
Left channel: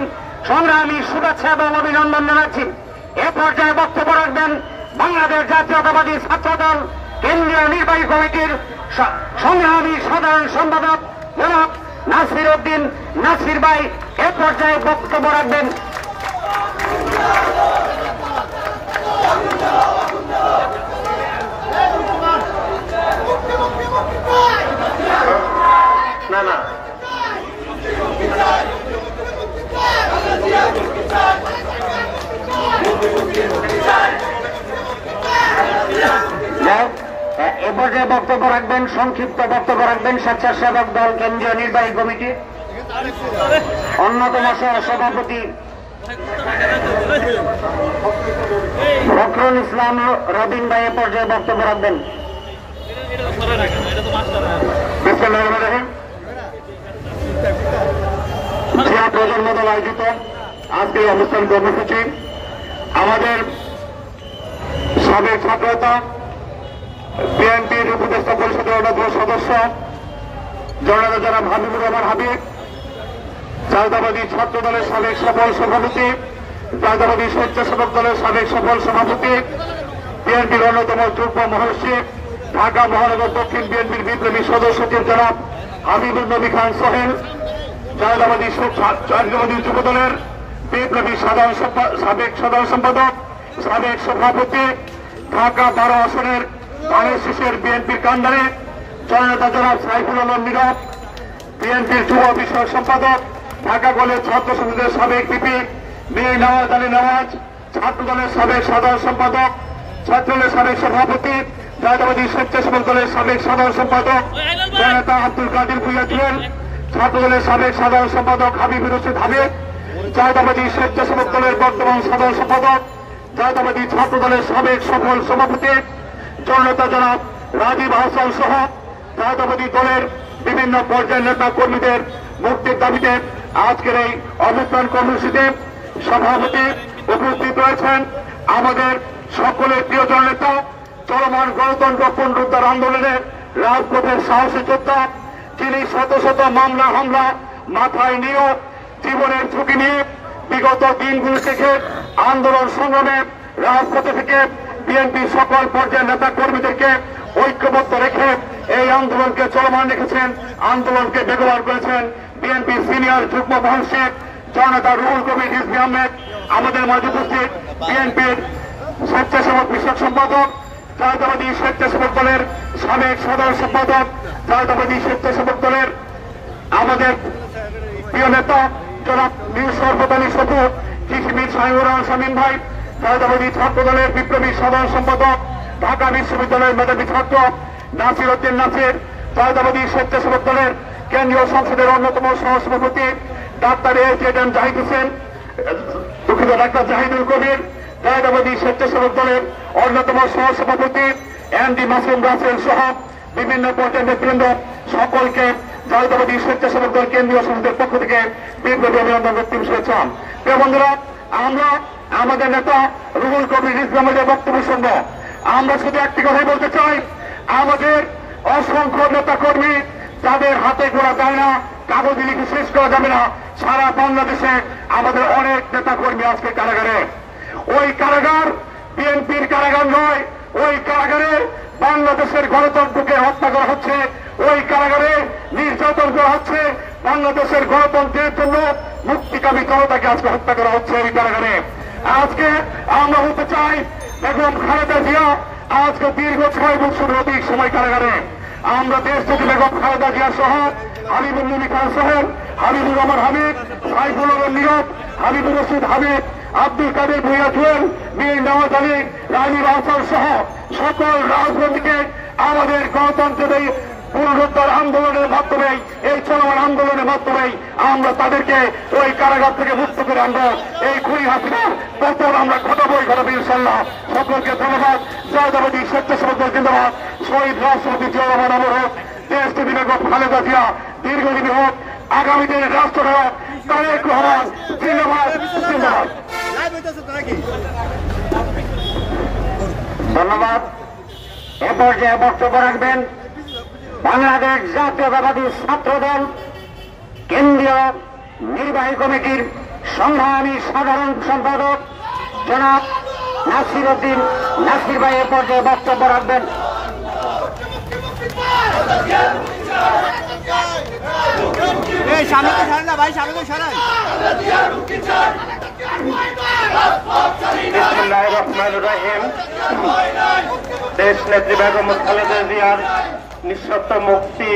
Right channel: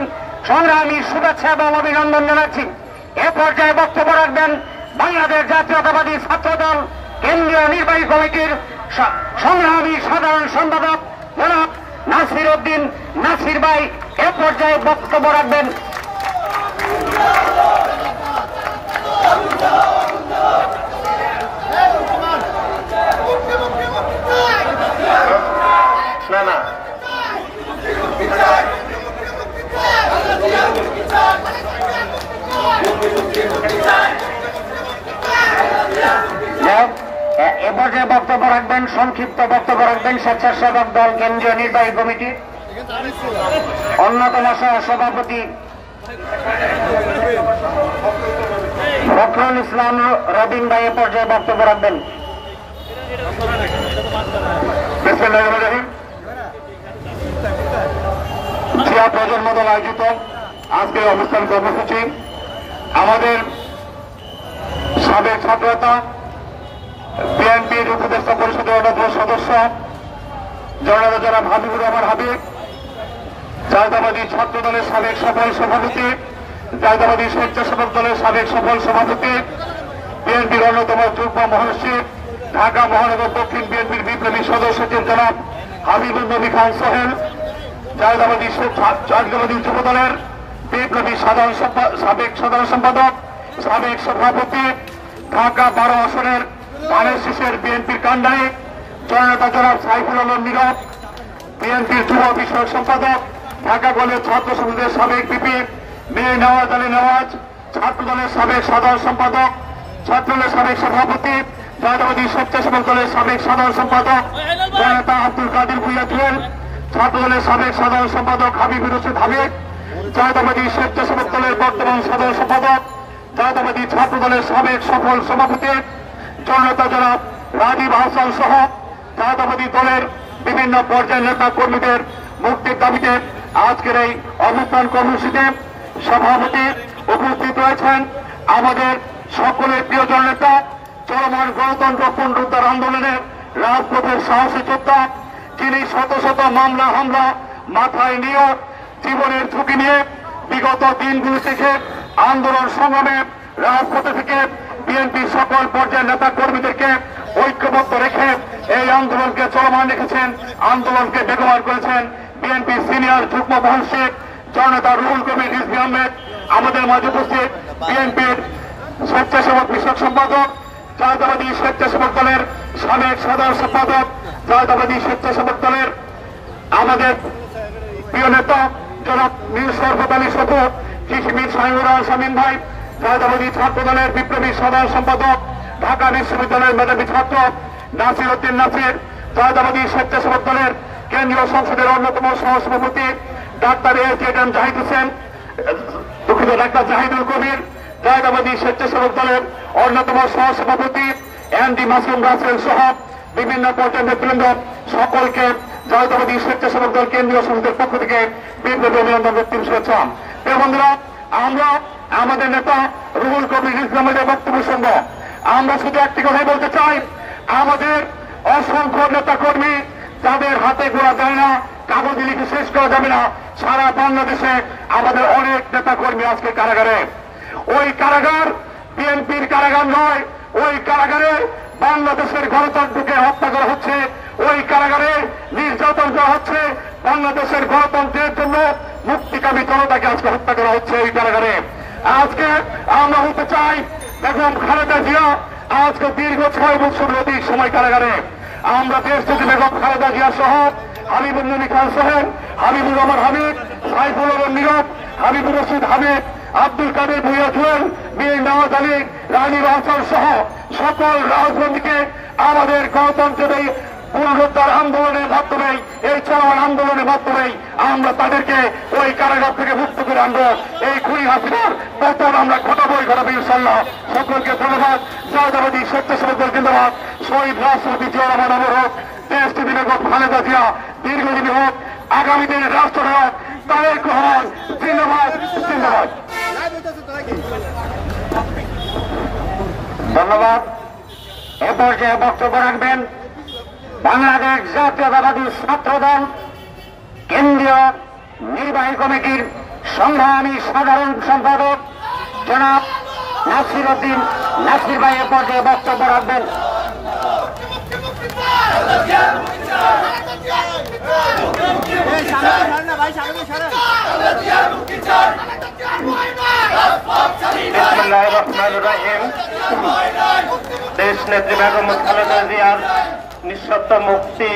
সংগ্রামী শুভেচ্ছা এবং অভিনন্দন জানাচ্ছি। এ পর্যায়ে বক্তব্য রাখবেন বাংলাদেশ জাতীয়তাবাদী ছাত্র দল কেন্দ্রীয় নির্বাহী কমিটির সংগ্রামী সাধারণ সম্পাদক জনাব নাসির উদ্দিন নাসির ভাই। এ পর্যায়ে বক্তব্য রাখবেন পর্যায়ে বক্তব্য রাখবেন, সংক্ষিপ্ত বক্তব্য রাখবেন স্বেচ্ছাসেবক দল কেন্দ্রীয় নির্বাহী কমিটি অন্যতম সভাপতি ফখরুল ইসলাম রবিন ভাই পর্যায়ে বক্তব্য রাখবেন। জিয়া প্রজন্ম দল আয়োজিত আজকের অনুষ্ঠান কর্মসূচি আমাদের সাবেক ছাত্রনেতা বিএনপির উপদেষ্টা পরিষদের অন্যতম সদস্য জননেতা জনাব হাবিবুর রহমান হাবিব, জাতীয়তাবাদী ছাত্র দলের সাবেক সফল সভাপতি, জাতীয়তাবাদী স্বেচ্ছাসেবক দলের সাবেক সফল সভাপতি, বিএনপির অন্যতম যুগ্ম মহাসচিব, ঢাকা মহানগর দক্ষিণ বিএনপির বিপ্লবী সদস্য সচিব জনাব হাবিবুর নবী খান সোহেল, জাতীয়তাবাদী যুব দলের বিপ্লবী সাবেক সাধারণ সম্পাদক, সাবেক সভাপতি, ঢাকা 12 আসনের ধানের শীষের বিএনপির কান্ডারি জননেতা জনাব সাইফুল আলম নীরব, বিএনপির যুব বিষয়ক সম্পাদক, ঢাকা কলেজ ছাত্র সংসদের সাবেক ভিপি মীর নওয়াজ আলী নওয়াজ, ছাত্র দলের সাবেক সাধারণ সম্পাদক, ছাত্রদলের সাবেক সভাপতি, জাতীয়তাবাদী স্বেচ্ছাসেবক দলের সাবেক সাধারণ সম্পাদক জননেতা আব্দুল কাদের ভূঁইয়া জুয়েল, ছাত্র দলের সাবেক সাধারণ সম্পাদক হাবিবুর রশিদ হাবিব, জাতীয়তাবাদী স্বেচ্ছাসেবক দলের বর্তমান সাধারণ সম্পাদক, জাতীয়তাবাদী ছাত্র দলের সাবেক সফল সভাপতি জননেতা জনাব রাজীব আহসান সহ জাতীয়তাবাদী দলের বিভিন্ন পর্যায়ের নেতা কর্মীদের মুক্তির দাবিতে আজকের এই অবস্থান কর্মসূচিতে সভাপতি উপস্থিত রয়েছেন আমাদের সকলের প্রিয় জননেতা, চলমান গণতন্ত্র পুনরুদ্ধার আন্দোলনের রাজপথের সাহসী যোদ্ধা, যিনি শত শত মামলা হামলা মাথায় নিয়ে জীবনের ঝুঁকি নিয়ে বিগত দিনগুলি থেকে আন্দোলন সংগ্রামে রাজপথে থেকে বিএনপি সকল পর্যায়ের নেতা কর্মীদেরকে ঐক্যবদ্ধ রেখে এই আন্দোলনকে চলমান রেখেছেন, আন্দোলনকে বেগবান করেছেন বিএনপি সিনিয়র যুগ্ম মহাসচিব জননেতা রুহুল কবির রিজভী আহমেদ, আমাদের মাঝে উপস্থিত বিএনপির স্বেচ্ছাসেবক বিষয়ক সম্পাদক, জাতীয়তাবাদী স্বেচ্ছাসেবক দলের সাবেক সাধারণ সম্পাদক, জাতীয়তাবাদী স্বেচ্ছাসেবক দলের আমাদের প্রিয় নেতা জনাব মীর শরফত আলী সফু, মীর শাহিনুর রহমান শামীম ভাই, জাতীয়তাবাদী ছাত্র দলের বিপ্লবী সাধারণ সম্পাদক, ঢাকা বিশ্ববিদ্যালয়ের মেধাবী ছাত্র নাসির উদ্দিন নাসির, জাতীয়তাবাদী স্বেচ্ছাসেবক দলের কেন্দ্রীয় সংসদের অন্যতম সহসভাপতি ডাক্তার এম জাহিদ হোসেন, দুঃখিত ডাক্তার জাহিদুল কবির, জাতীয়তাবাদী স্বেচ্ছাসেবক দলের অন্যতম সহসভাপতি এমডি মাসুম রাসেল সহ বিভিন্ন পর্যায়ের নেতৃবৃন্দ সকলকে জাতীয়তাবাদী স্বেচ্ছাসেবক দল কেন্দ্রীয় সংসদের পক্ষ থেকে বিপ্লবী অভিনন্দন রক্তিম শুভেচ্ছা। প্রিয় বন্ধুরা, আমরা আমাদের নেতা রুহুল কবির রিজভী আহমেদের বক্তব্য শুনব। আমরা শুধু একটি কথাই বলতে চাই, আমাদের অসংখ্য নেতা কর্মী তাদের হাতে গোড়া যায় না, কাগজে লিখে শেষ করা যাবে না, সারা বাংলাদেশে আমাদের অনেক নেতা কর্মী আজকে কারাগারে। ওই কারাগার বিএনপির কারাগার নয়, ওই কারাগারে বাংলাদেশের গণতন্ত্রকে হত্যা করা হচ্ছে, ওই কারাগারে নির্যাতন করা হচ্ছে, বাংলাদেশের গণতন্ত্রের জন্য মুক্তিকামী জনতাকে আজকে হত্যা করা হচ্ছে ওই কারাগারে। আজকে আমরা হতে চাই দেখুন খালেদা জিয়া আজকে দীর্ঘ 6 বছর অধিক সময় কারাগারে। আমরা দেশ থেকে বেগম খালেদা জিয়া সহ হাবিবুর নবী খান সোহেল, হাবিবুর রহমান হাবিব, সাইফুল আলম নীরব, হাবিবুর রশিদ হাবিব, আব্দুল কাদের ভূঁইয়া জুয়েল, মীর নওয়াজ আলী, রাজীব আহসান সহ সকল রাজবন্দীকে আমাদের গণতন্ত্রের পুনরুদ্ধার আন্দোলনের মাধ্যমে, এই চলমান আন্দোলনের মাধ্যমে আমরা তাদেরকে ওই কারাগার থেকে মুক্ত করে আনবো। এই খুনি হাসিনার পতন আমরা ঘটাবোই ঘটাবো ইনশাল্লাহ। সকলকে ধন্যবাদ। জাতীয়তাবাদী স্বেচ্ছাসেবক দল জিন্দাবাদ। শহীদ রাষ্ট্রপতি জিয়া রহমান অমর হোক। দেশ দিনে খালেদা জিয়া দীর্ঘদিন হোক। আগামী দিনের রাষ্ট্র হোক তারেক রহমান জিন্দাবাদ জিন্দাবাদ। ধন্যবাদ। এ পর্যায়ে বক্তব্য রাখবেন বাংলাদেশ জাতীয়তাবাদী ছাত্র দল কেন্দ্রীয় নির্বাহী কমিটির সংগ্রামী সাধারণ সম্পাদক জনাব নাসির উদ্দিন নাসির ভাই। এ পর্যায়ে বক্তব্য রাখবেন। দেশ নেত্রী বেগম খালেদা জিয়ার নিঃশর্ত মুক্তি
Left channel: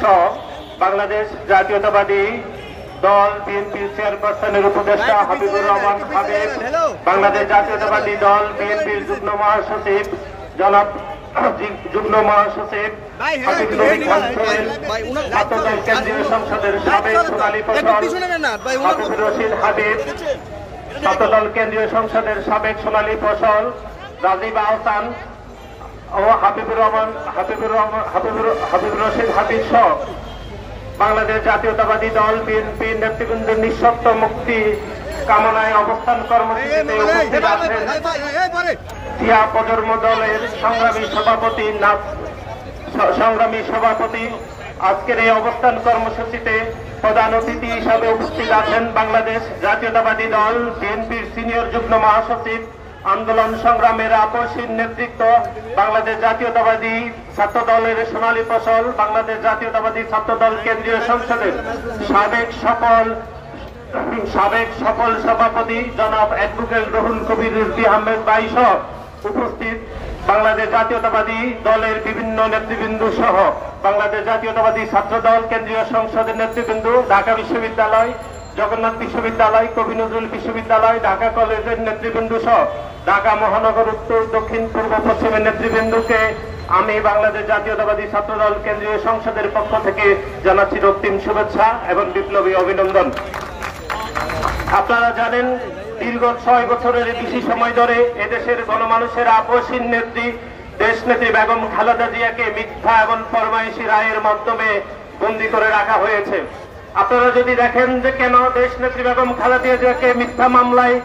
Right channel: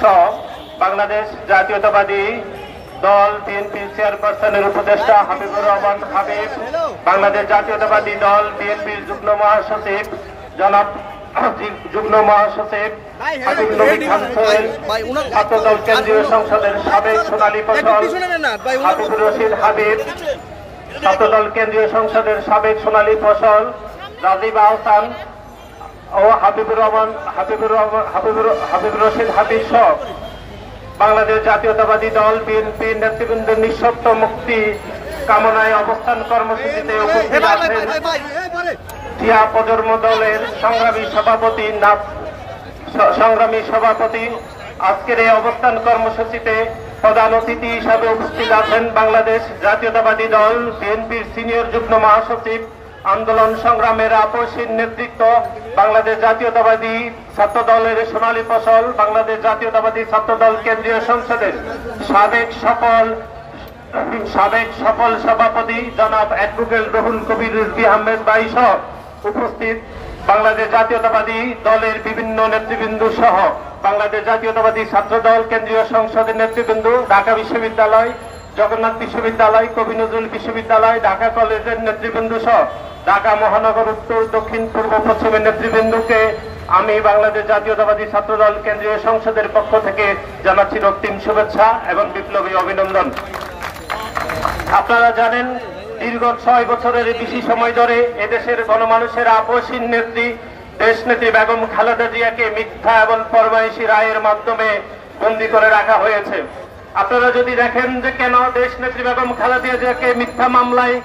সহ বাংলাদেশ জাতীয়তাবাদী দল বিএনপির চেয়ারপারসনের উপদেষ্টা হাবিবুর রহমান হাবিব, বাংলাদেশ জাতীয়তাবাদী দল বিএনপির যুগ্ম মহাসচিব জনাব যুগ্ম মহাসচিব হাবিব নবী খান সোহেল, ছাত্রদল কেন্দ্রীয় সংসদের সাবেক সোনালী ফসল হাফিজুর রশিদ হাবিব, ছাত্রদল কেন্দ্রীয় সংসদের সাবেক সোনালী ফসল রাজীব আহসান ও হাবিবুর রশিদ হাবিব সহ বাংলাদেশ জাতীয়তাবাদী দল বিএনপি নেতৃবৃন্দের নিঃশর্ত মুক্তি কামনায় অবস্থান কর্মসূচিতে উপস্থিত আছেন টিয়া প্রজন্ম দলের সংগ্রামী সভাপতি। আজকের এই অবস্থান কর্মসূচিতে প্রধান অতিথি হিসাবে উপস্থিত আছেন বাংলাদেশ জাতীয়তাবাদী দল বিএনপির সিনিয়র যুগ্ম মহাসচিব, আন্দোলন সংগ্রামের আপসহীন নেতৃত্ব, বাংলাদেশ জাতীয়তাবাদী ছাত্র দলের সোনালী ফসল, বাংলাদেশ জাতীয়তাবাদী ছাত্র দল কেন্দ্রীয় সংসদের সাবেক সফল সভাপতি জনাব অ্যাডভোকেট রুহুল কবির রিজভী আহমেদ ভাই সহ উপস্থিত বাংলাদেশ জাতীয়তাবাদী দলের বিভিন্ন নেতৃবৃন্দ সহ বাংলাদেশ জাতীয়তাবাদী ছাত্র দল কেন্দ্রীয় সংসদের নেতৃবৃন্দ, ঢাকা বিশ্ববিদ্যালয়, জগন্নাথ বিশ্ববিদ্যালয়, কবি নজরুল বিশ্ববিদ্যালয়, ঢাকা কলেজের নেতৃবৃন্দ সহ ঢাকা মহানগর উত্তর, দক্ষিণ, পূর্ব, পশ্চিমের নেতৃবৃন্দকে আমি বাংলাদেশ জাতীয়তাবাদী ছাত্র দল কেন্দ্রীয় সংসদের পক্ষ থেকে জানাচ্ছি রক্তিম শুভেচ্ছা এবং বিপ্লবী অভিনন্দন। আপনারা জানেন, দীর্ঘ 6 বছরের বেশি সময় ধরে এদেশের গণমানুষের আপসহীন নেত্রী দেশনেত্রী বেগম খালেদা জিয়াকে মিথ্যা এবং ফরমাইশি রায়ের মাধ্যমে বন্দী করে রাখা হয়েছে। আপনারা যদি দেখেন যে কেন দেশনেত্রী বেগম খালেদা জিয়াকে মিথ্যা মামলায়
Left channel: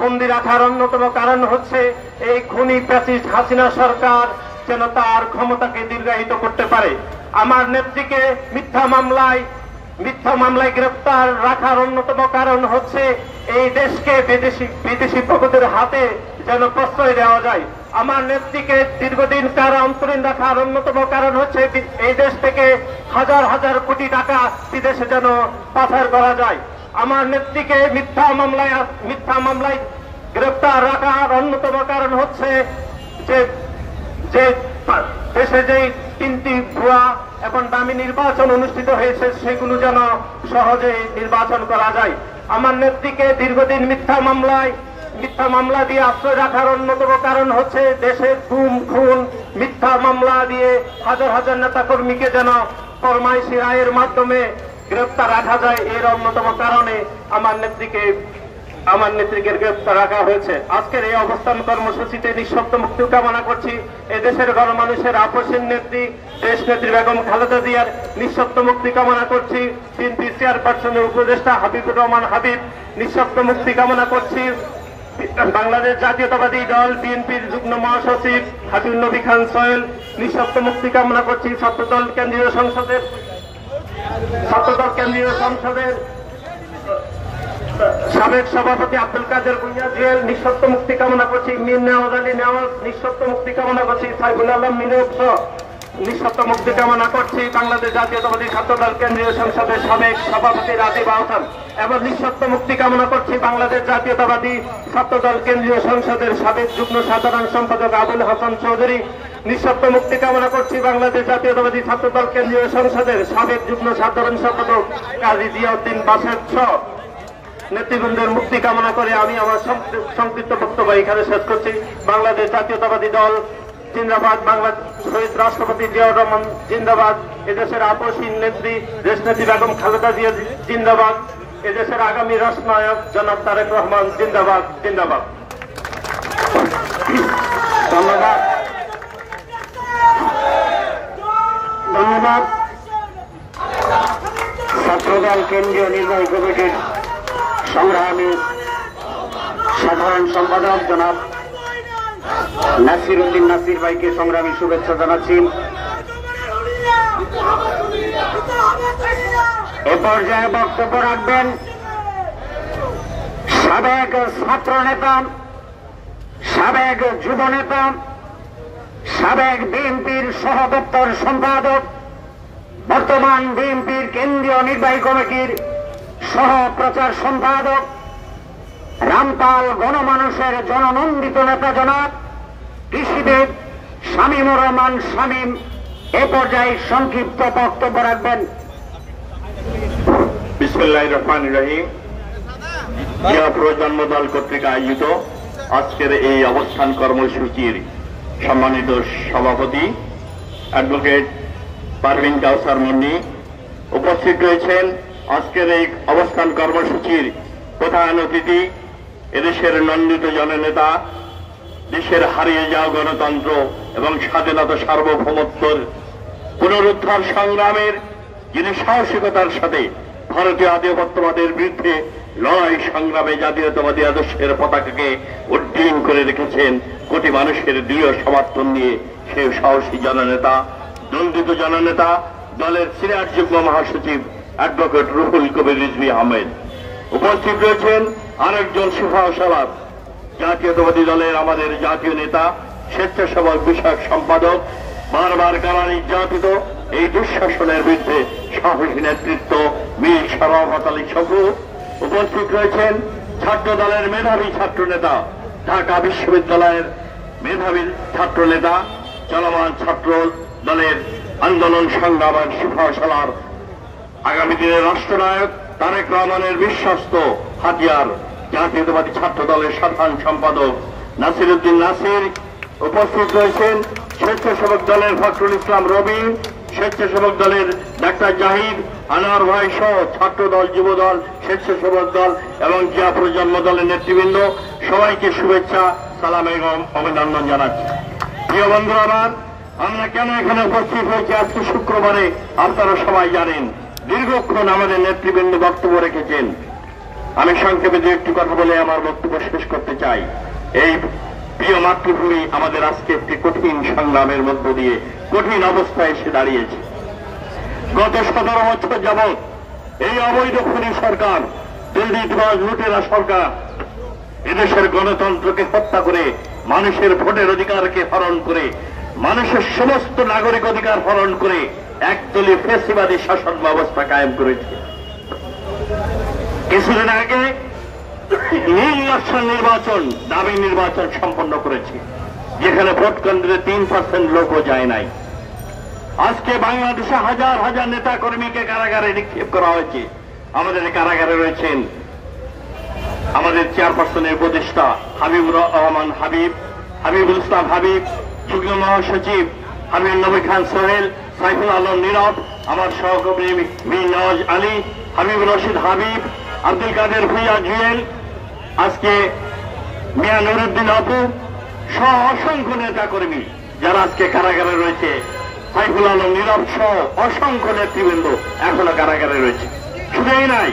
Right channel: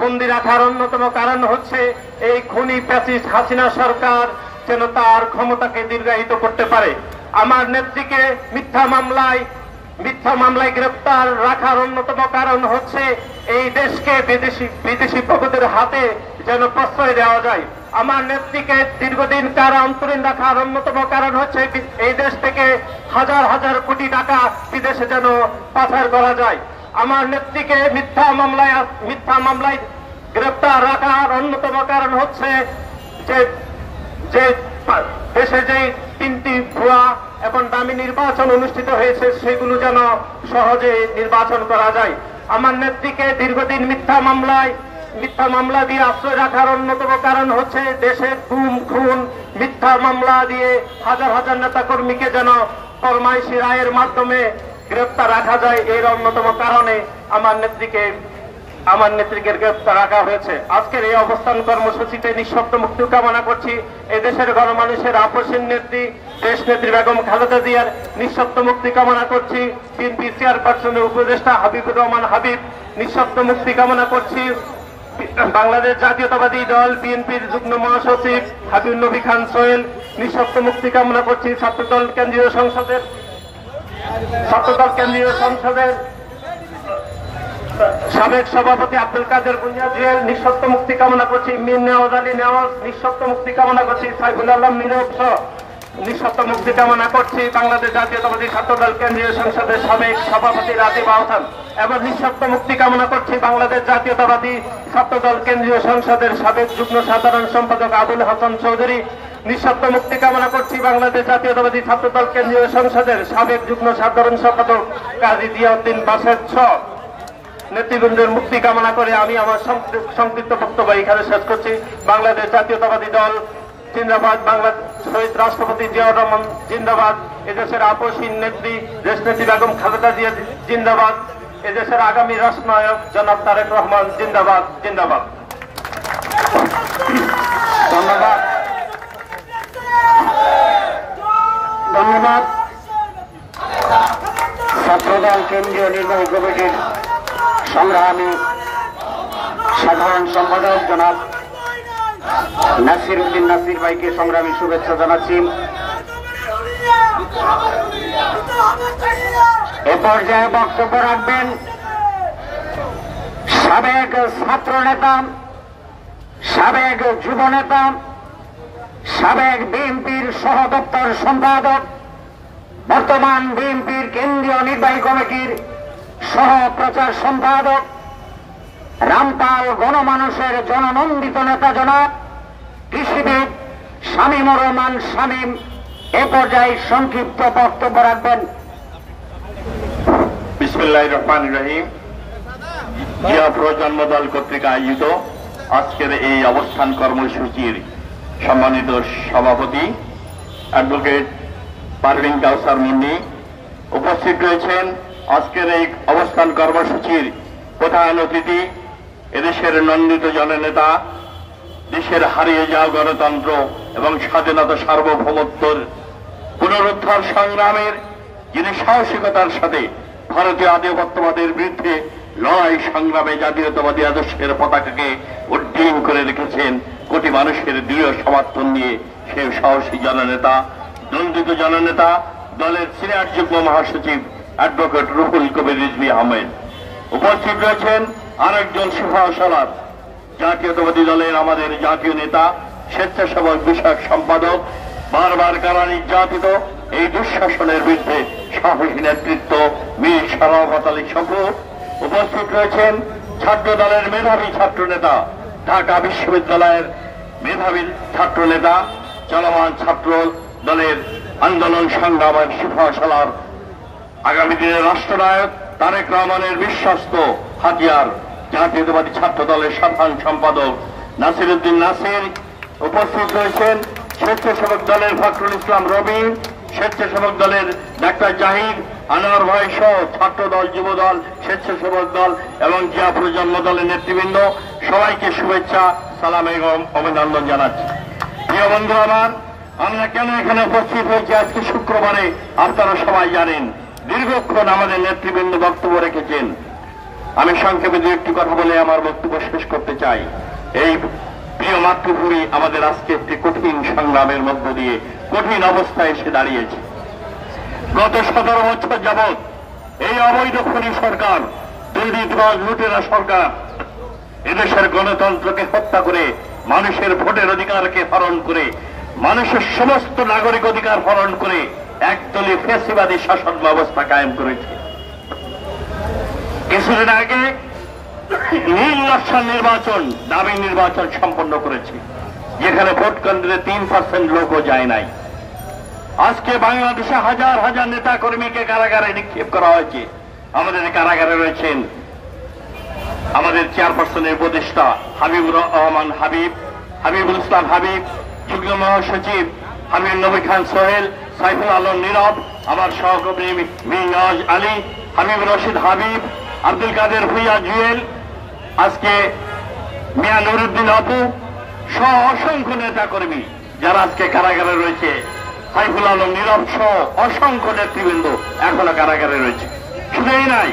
বন্দী রাখার অন্যতম কারণ হচ্ছে এই খুনি ফ্যাসিস্ট হাসিনা সরকার যেন তার ক্ষমতাকে দীর্ঘায়িত করতে পারে। আমার নেত্রীকে মিথ্যা মামলায় গ্রেফতার রাখার অন্যতম কারণ হচ্ছে এই দেশকে বিদেশি প্রভুদের হাতে যেন প্রশ্রয় দেওয়া যায়। আমার নেত্রীকে দীর্ঘদিন কারান্তরীণ রাখার অন্যতম কারণ হচ্ছে এই দেশ থেকে হাজার হাজার কোটি টাকা বিদেশে যেন পাচার করা যায়। আমার নেত্রীকে মিথ্যা মামলায় গ্রেফতার রাখার অন্যতম কারণ হচ্ছে যে দেশে যে 3টি ভুয়া এবং দামি নির্বাচন অনুষ্ঠিত হয়েছে সেগুলো যেন সহজে নির্বাচন করা যায়। আমার নেত্রীকে দীর্ঘদিন মিথ্যা মামলা দিয়ে আশ্রয় রাখার অন্যতম কারণ হচ্ছে দেশের গুম খুন মিথ্যার মামলা দিয়ে হাজার হাজার নেতাকর্মীকে যেন ফরমাইশি রায়ের মাধ্যমে গ্রেফতার রাখা যায়। এর অন্যতম কারণে আমার নেত্রীকে গ্রেফতার রাখা হয়েছে। আজকের এই অবস্থান কর্মসূচিতে নিঃশর্ত মুক্তি কামনা করছি। এদেশের গণমানুষের আপসহীন নেত্রী দেশনেত্রী বেগম খালেদা জিয়ার নিঃশর্ত মুক্তি কামনা করছি। বিএনপি চেয়ারপারসনের উপদেষ্টা হাবিবুর রহমান হাবিব নিঃশর্ত মুক্তি কামনা করছি। বাংলাদেশ জাতীয়তাবাদী দল বিএনপির যুগ্ম মহাসচিব হাবিব নবী খান সোহেল নিঃশর্ত মুক্তি কামনা করছি। ছাত্রদল কেন্দ্রীয় সংসদের সাবেক সভাপতি আব্দুল কাদের ভূঁইয়া জুয়েল নিঃশর্ত মুক্তি কামনা করছি। মীর নেওয়াজ আলী নেওয়াজ নিঃশর্ত মুক্তি কামনা করছি। সাইফুল আলম নীরব নিঃশর্ত মুক্তি কামনা করছি। বাংলাদেশ জাতীয়তাবাদী ছাত্রদল কেন্দ্রীয় সংসদের সাবেক সভাপতি রাজীব আহসান এবং নিঃশর্ত মুক্তি কামনা করছি বাংলাদেশ জাতীয়তাবাদী ছাত্রদল কেন্দ্রীয় সংসদের সাবেক যুগ্ম সাধারণ সম্পাদক আবুল হাসান চৌধুরী নিঃশর্ত মুক্তি কামনা করছি বাংলাদেশ জাতীয়তাবাদী ছাত্রদল কেন্দ্রীয় সংসদের সাবেক যুগ্ম সাধারণ সম্পাদক কাজী জিয়াউদ্দিন বাসের নেতৃবৃন্দের মুক্তি কামনা করে আমি আমার সংক্ষিপ্ত বক্তব্য এখানে শেষ করছি। বাংলাদেশ জাতীয়তাবাদী দল জিন্দাবাদ, শহীদ রাষ্ট্রপতি জিয়াউর রহমান জিন্দাবাদ, এদেশের আপসহীন নেত্রী দেশনেত্রী বেগম খালেদা জিয়া জিন্দাবাদ, এদেশের আগামী রাষ্ট্রনায়ক জনাব তারেক রহমান জিন্দাবাদ। ধন্যবাদ। ছাত্রদল কেন্দ্রীয় নির্বাহী কমিটির সংগ্রামী সাধারণ সম্পাদক জনাব নাসির উদ্দিন নাসির ভাইকে সংগ্রামী শুভেচ্ছা জানাচ্ছি। এ পর্যায়ে বক্তব্য রাখবেন সাবেক ছাত্র নেতা, সাবেক যুব নেতা, সাবেক বিএনপির সহ দপ্তর সম্পাদক, বর্তমান বিএনপির কেন্দ্রীয় নির্বাহী কমিটির সহ প্রচার সম্পাদক, রামপাল গণমানুষের জননন্দিত নেতা জনাব কৃষিবিদ শামীমুর রহমান শামীম এ পর্যায়ে সংক্ষিপ্ত বক্তব্য রাখবেন। বিসমিল্লাহির রহমানির রহিম। জিয়া প্রজন্ম দল কর্তৃক আয়োজিত আজকের এই অবস্থান কর্মসূচির সম্মানিত সভাপতি অ্যাডভোকেট পারভিন কাউসার মুন্নি, উপস্থিত রয়েছেন আজকের এই অবস্থান কর্মসূচির প্রধান অতিথি, এদেশের নন্দিত জননেতা, দেশের হারিয়ে যাওয়া গণতন্ত্র এবং স্বাধীনতা সার্বভৌমত্বের পুনরুদ্ধার সংগ্রামের যিনি সাহসিকতার সাথে ভারতীয় আধিপত্যবাদের বিরুদ্ধে লড়াই সংগ্রামে জাতীয়তাবাদী আদর্শের পতাকাকে উড্ডীন করে রেখেছেন কোটি মানুষের দৃঢ় সমর্থন নিয়ে সেই সাহসী জননেতা, দণ্ডিত জননেতা, দলের সিনিয়র যুগ্ম মহাসচিব অ্যাডভোকেট রুহুল কবির রিজভী আহমেদ। উপস্থিত রয়েছেন আরেকজন সুভাষালাদ, জাতীয়তাবাদী দলের আমাদের জাতীয় নেতা, স্বেচ্ছাসেবক বিষয়ক সম্পাদক, বারবার কারা নির্যাতিত এই দুঃশাসনের বিরুদ্ধে সাহসী নেতৃত্ব মীর শরাফত আলী শফু। উপস্থিত রয়েছেন ছাত্র দলের মেধাবী ছাত্র নেতা, ঢাকা বিশ্ববিদ্যালয়ের মেধাবী ছাত্র নেতা, চলমান ছাত্র দলের আন্দোলন সংগ্রামের সুভাষালার, আগামী দিনের রাষ্ট্রনায়ক তারেক রহমানের বিশ্বস্ত হাতিয়ার, জাতীয়তাবাদী ছাত্র দলের সাধারণ সম্পাদক নাসির উদ্দিন নাসির। উপস্থিত রয়েছেন স্বেচ্ছাসেবক দলের ফখরুল ইসলাম রবি, স্বেচ্ছাসেবক দলের ডাক্তার জাহিদ, আনোয়ার ভাই সহ ছাত্র দল, যুব দল, স্বেচ্ছাসেবক দল এবং জিয়া প্রজন্ম দলের নেতৃবৃন্দ, সবাইকে শুভেচ্ছা, সালাম এবং অভিনন্দন জানাচ্ছি। প্রিয় বন্ধু আমার, আমরা কেন এখানে উপস্থিত হয়েছি আজকে শুক্রবারে আপনারা সবাই জানেন। দীর্ঘক্ষণ আমাদের নেতৃবৃন্দ বক্তব্য রেখেছেন। আমি সংক্ষেপে দু একটি কথা বলে আমার বক্তব্য শেষ করতে চাই। এই প্রিয় মাতৃভূমি আমাদের আজকে একটি কঠিন সংগ্রামের মধ্য দিয়ে কঠিন অবস্থায় এসে দাঁড়িয়েছে। গত 17 বছর যাবৎ এই অবৈধ খুনি সরকার, দুর্নীতিবাজ লুটেরা সরকার এদেশের গণতন্ত্রকে হত্যা করে, মানুষের ভোটের অধিকারকে হরণ করে, মানুষের সমস্ত নাগরিক অধিকার হরণ করে একদলীয় ফ্যাসিবাদী শাসন ব্যবস্থা কায়েম করেছে। কিছুদিন আগে নির্বাচন, দাবি নির্বাচন সম্পন্ন করেছে, যেখানে ভোট কেন্দ্রে 3% লোকও যায় নাই। আজকে বাংলাদেশে হাজার হাজার নেতা কর্মীকে কারাগারে নিক্ষেপ করা হয়েছে। আমাদের কারাগারে রয়েছেন আমাদের চেয়ারপারসনের উপদেষ্টা হাবিবুর রহমান হাবিব, হাবিবুল ইসলাম হাবিব, যুগ্ম মহাসচিব আমির নবী খান সোহেল, সাইফুল আলম নীরব, আমার সহকর্মী মীর নওয়াজ আলী, হাবিব রশিদ হাবিব, আব্দুল কাদের ভুইয়া জুয়েল, আজকে মিয়া নুরুদ্দিন আপু সহ অসংখ্য নেতা কর্মী যারা আজকে কারাগারে রয়েছে, সাইফুল আলম নীরব সহ অসংখ্য নেতৃবৃন্দ এখনো কারাগারে রয়েছে। শুধু এই নাই,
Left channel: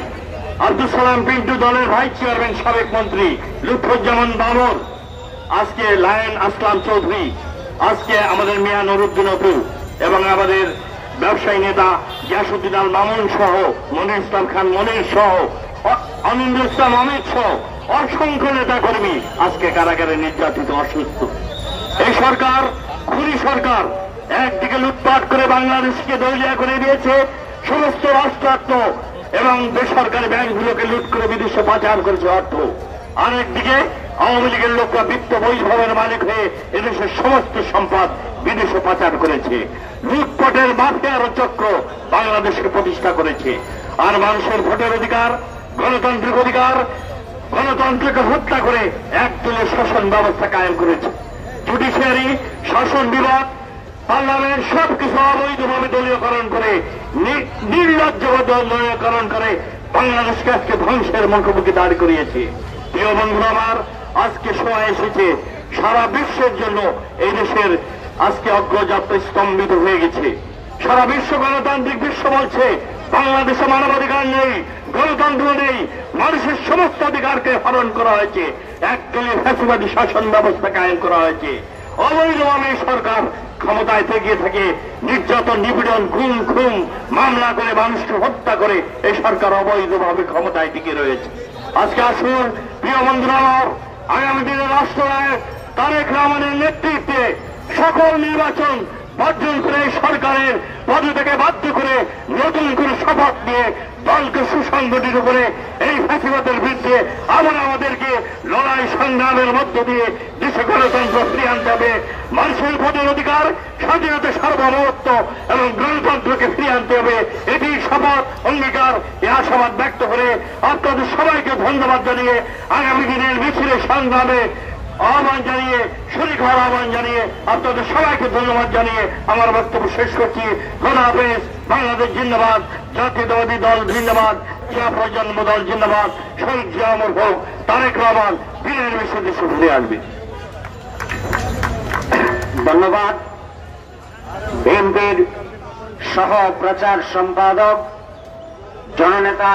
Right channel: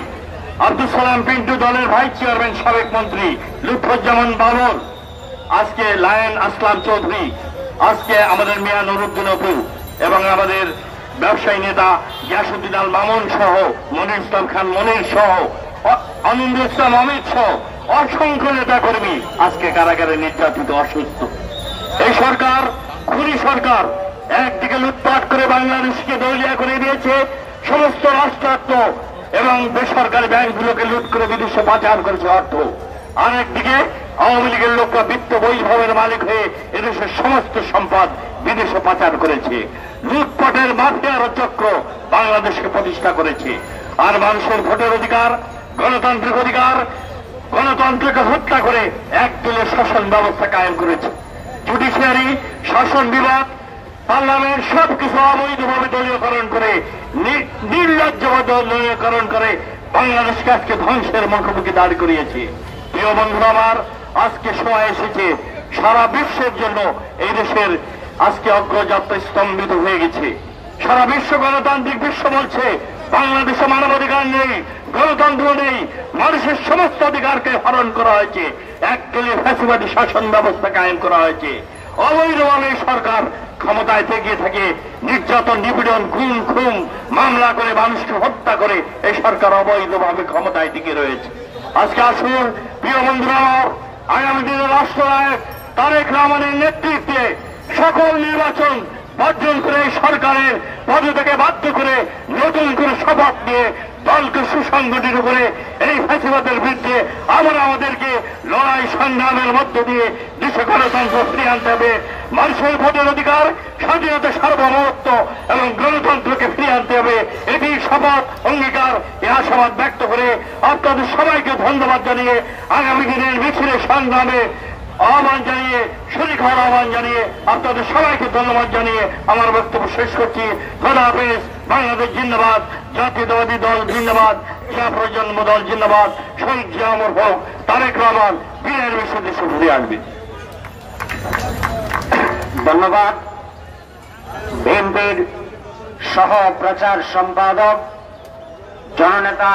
আব্দুল সালাম পিন্টু দলের ভাইস চেয়ারম্যান, সাবেক মন্ত্রী লুৎফুজ্জামান বাবর, আজকে লায়ন আসলাম চৌধুরী, আজকে আমাদের মিয়া নুরুদ্দিন আপু এবং আমাদের ব্যবসায়ী নেতা গিয়াসুদ্দিন আল মামুন সহ, মনির ইসলাম খান মনির সহ, অনিন্দ ইসলাম অমিত সহ অসংখ্য নেতা কর্মী আজকে কারাগারে নির্যাতিত, অসুস্থ। এই সরকার খুনি সরকার একদিকে লুটপাট করে বাংলাদেশকে দেউলিয়া করে দিয়েছে, সমস্ত রাষ্ট্রায়ত্ত এবং বেসরকারি ব্যাংকগুলোকে লুট করে বিদেশে পাচার করেছে অর্থ। আরেকদিকে আওয়ামী লীগের লোকরা বিত্ত বৈভবের মালিক হয়ে এদেশের সমস্ত সম্পদ বিদেশে পাচার করেছে। লুটপাটের মাফিয়ার চক্র বাংলাদেশকে প্রতিষ্ঠা করেছে। আর মানুষের ভোটের অধিকার, গণতান্ত্রিক অধিকার, গণতন্ত্রকে হত্যা করে একদলীয় শাসন ব্যবস্থা কায়েম করেছে। জুডিশিয়ারি, শাসন বিভাগ, পার্লামেন্ট সবকিছু অবৈধভাবে দলীয়করণ করে, নির্লজ্জভাবে দলীয়করণ করে বাংলাদেশকে আজকে ধ্বংসের মুখোমুখি দাঁড় করিয়েছে। প্রিয় বন্ধুরা আমার, আজকে সময় এসেছে সারা বিশ্বের জন্য এই দেশের আজকে অগ্রযাত্রা স্তম্ভিত হয়ে গেছে। সারা বিশ্ব গণতান্ত্রিক বিশ্ব বলছে বাংলাদেশে মানবাধিকার নেই, গণতন্ত্র নেই, মানুষের সমস্ত অধিকারকে হরণ করা হয়েছে, একদলীয় ফ্যাসিবাদী শাসন ব্যবস্থা কায়েম করা হয়েছে। অবৈধভাবে সরকার ক্ষমতায় থেকে থাকে, নির্যাতন, নিপীড়ন, গুম খুন মামলা করে মানুষকে হত্যা করে এই সরকার অবৈধভাবে ক্ষমতায় টিকে রয়েছে। আজকে আসুন প্রিয় বন্ধুরা, আগামী দিনের রাষ্ট্রনায়ক তারেক রহমানের নেতৃত্বে সকল নির্বাচন বর্জন করে সরকারের পদত্যাগে বাধ্য করে নতুন করে শপথ নিয়ে দলকে সুসংগঠিত করে এই ফ্যাসিবাদের বিরুদ্ধে আবার আমাদেরকে লড়াই সংগ্রামের মধ্য দিয়ে দেশে গণতন্ত্র ফিরিয়ে আনতে হবে। মানুষের ভোটের অধিকার, স্বাধীনতা, সার্বভৌমত্ব এবং গণতন্ত্রকে ফিরিয়ে আনতে হবে। এটি শপথ, অঙ্গীকার, এ আশাবাদ ব্যক্ত করে আপনাদের সবাইকে ধন্যবাদ জানিয়ে আগামী দিনের মিছিলে সংগ্রামে আহ্বান জানিয়ে শরীক হওয়ার আহ্বান জানিয়ে আপনাদের সবাইকে ধন্যবাদ জানিয়ে আমার বক্তব্য শেষ করছি। খোদা হাফেজ। বাংলাদেশ জিন্দাবাদ, জাতীয়তাবাদী দল জিন্দাবাদ, জিয়া প্রজন্ম দল জিন্দাবাদ, শহীদ জিয়া অমর হোক, তারেক রহমান বীরের বেশি দেশে ফিরে আসবে। ধন্যবাদ। বিএনপির সহ প্রচার সম্পাদক জননেতা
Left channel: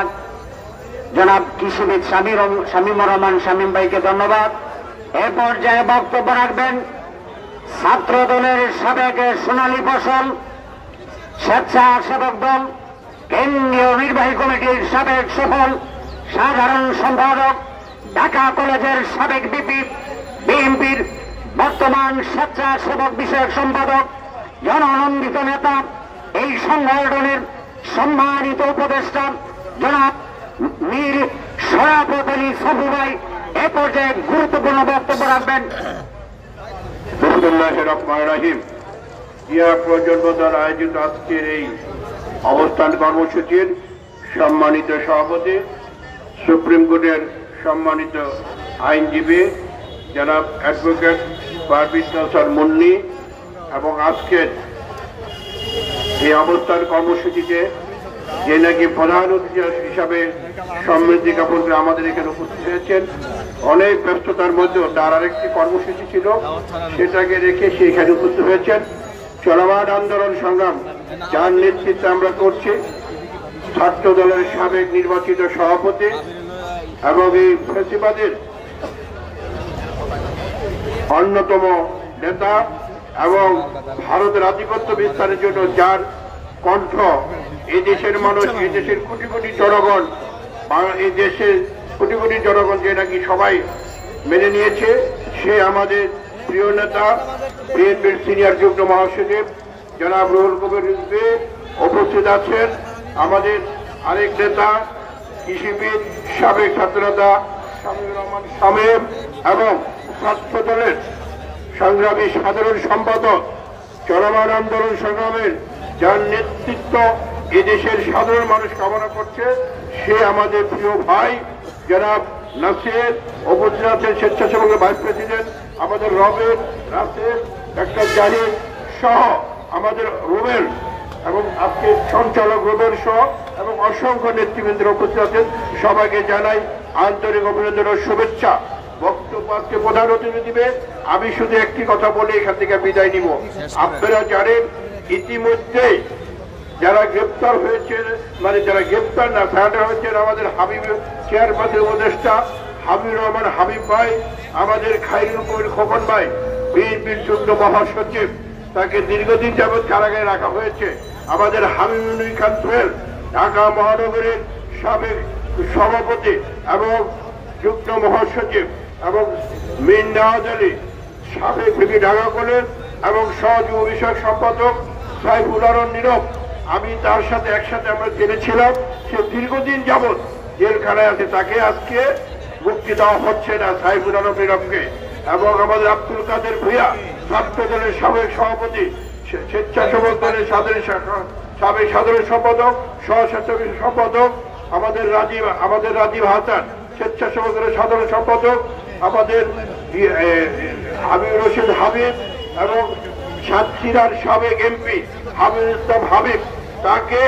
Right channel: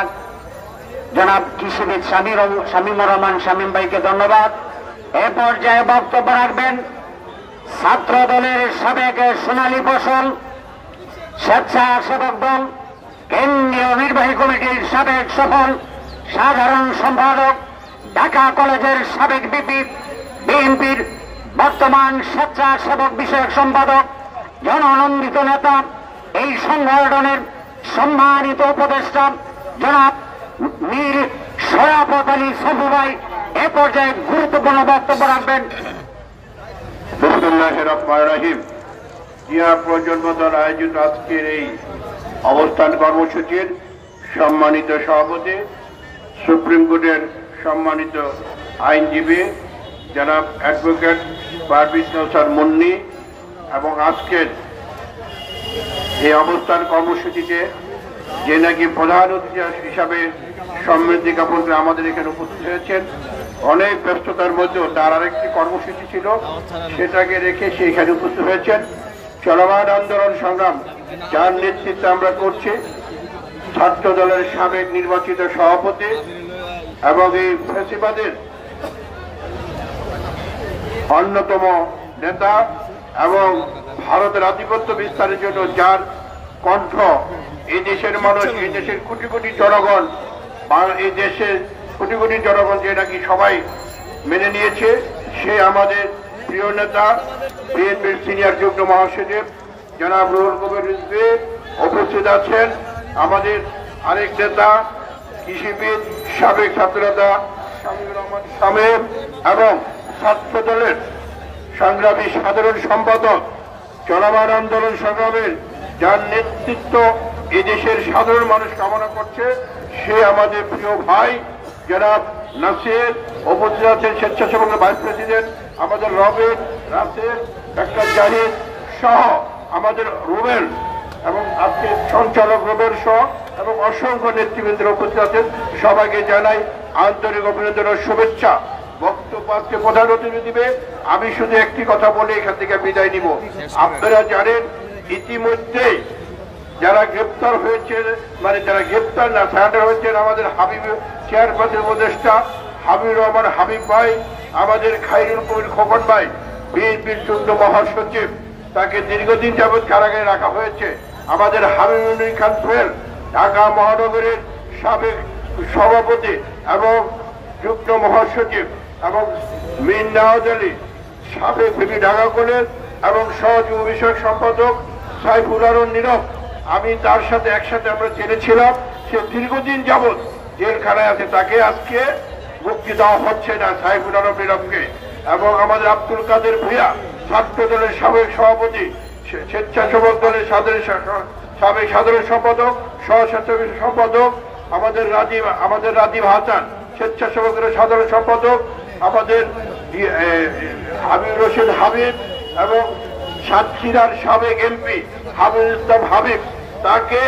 জনাব কৃষিবিদ শামীমুর রহমান শামীম ভাইকে ধন্যবাদ। এ পর্যায়ে বক্তব্য রাখবেন ছাত্র দলের সাবেক সোনালী ফসল স্বেচ্ছাসেবক দল কেন্দ্রীয় নির্বাহী কমিটির সাবেক সফল সাধারণ সম্পাদক, ঢাকা কলেজের সাবেক ভিপি, বিএনপির বর্তমান স্বেচ্ছাসেবক বিষয়ক সম্পাদক, জননন্দিত নেতা, এই সংগঠনের সম্মানিত উপদেষ্টা জনাব মীর শরাফত আলী সফু ভাই এ পর্যায়ে গুরুত্বপূর্ণ বক্তব্য রাখবেন। বিসমিল্লাহির রহমানির রহিম। জিয়া প্রজন্ম দল আয়োজিত আজকের এই অবস্থান কর্মসূচির সম্মানিত সভাপতি, সুপ্রিম কোর্টের সম্মানিত আইনজীবী জনাব অ্যাডভোকেট পারভেজ কাউসার মুন্নি এবং আজকের এই অবস্থান কর্মসূচিতে যে নাকি প্রধান অতিথি হিসাবে সমৃদ্ধি জ্ঞাপন করে আমাদের এখানে উপস্থিত হয়েছেন, অনেক ব্যস্ততার মধ্যেও তার আরেকটি কর্মসূচি ছিল, সেটাকে রেখে সে এখানে উপস্থিত হয়েছেন। চলমান আন্দোলন সংগ্রাম যার নেতৃত্বে আমরা করছি, ছাত্র দলের সাবেক নির্বাচিত সভাপতি এবং এই ফ্যাসিবাদের অন্যতম নেতা এবং ভারতের আধিপত্য বিস্তারের জন্য যার কণ্ঠ এই দেশের মানুষ, এই দেশের কোটি কোটি জনগণ, এই দেশের কোটি কোটি জনগণ যে নাকি সবাই মেনে নিয়েছে, সে আমাদের প্রিয় নেতা বিএনপির সিনিয়র যুগ্ম মহাসচিব জনাব রুহুল কবির রিজভী উপস্থিত আছেন। আমাদের আরেক নেতা কৃষিবিদ সাবেক ছাত্রনেতা শামীমুর রহমান শামীম এবং ছাত্র দলের সংগ্রামী সাধারণ সম্পাদক, চলমান আন্দোলন সংগ্রামের যার নেতৃত্ব এদেশের সাধারণ মানুষ কামনা করছে, সে আমাদের প্রিয় ভাই জনাব নাসির উপস্থিত আছেন, স্বেচ্ছাসেবকের ভাইস প্রেসিডেন্ট আমাদের রবিন রাসেল, ডাক্তার জাহিদ সহ আমাদের রুবেল এবং আজকে সঞ্চালক রুবেল সহ এবং অসংখ্য নেতৃবৃন্দ উপস্থিত আছেন। সবাইকে জানাই আন্তরিক অভিনন্দন ও শুভেচ্ছা। বক্তব্য আজকে প্রধান অতিথি দিবে, আমি শুধু একটি কথা বলে এখান থেকে বিদায় নিব। আপনারা জানেন ইতিমধ্যে যারা গ্রেপ্তার হয়েছে, মানে যারা গ্রেপ্তার না সারেন্ডার হয়েছেন, আমাদের হাবিব চেয়ারপারসন উপদেষ্টা হাবিবুর রহমান হাবিব ভাই, আমাদের খাইরুল কবির খোকন ভাই বিএনপির যুগ্ম মহাসচিব, তাকে দীর্ঘদিন যাবৎ কারাগারে রাখা হয়েছে। আমাদের হাবিবুল খান সোহেল ঢাকা মহানগরের সাবেক সভাপতি এবং যুগ্ম মহাসচিব এবং মীর নওয়াজ আলী সাবেক ভিপি ঢাকা কলেজ এবং সহযোগী বিষয়ক সম্পাদক সাইফুল আলম নীরব, আমি তার সাথে একসাথে আমরা জেলেছিলাম। সে দীর্ঘদিন যাবৎ জেলখানায় আছে, তাকে আজকে মুক্তি দেওয়া হচ্ছে না সাইফুল আলম নীরবকে। এবং আমাদের আব্দুল কাদের ভূঁইয়া ছাত্র দলের সাবেক সভাপতি, স্বেচ্ছাসেবক দলের সাবেক সাধারণ সম্পাদক, সহ সম্পাদক আমাদের রাজীব হাসান, স্বেচ্ছাসেবক দলের সাধারণ সম্পাদক আমাদের হাবিবুর রশিদ হাবিব এবং সাতক্ষীরার সাবেক এমপি হাবিবুল ইসলাম হাবিব, তাকে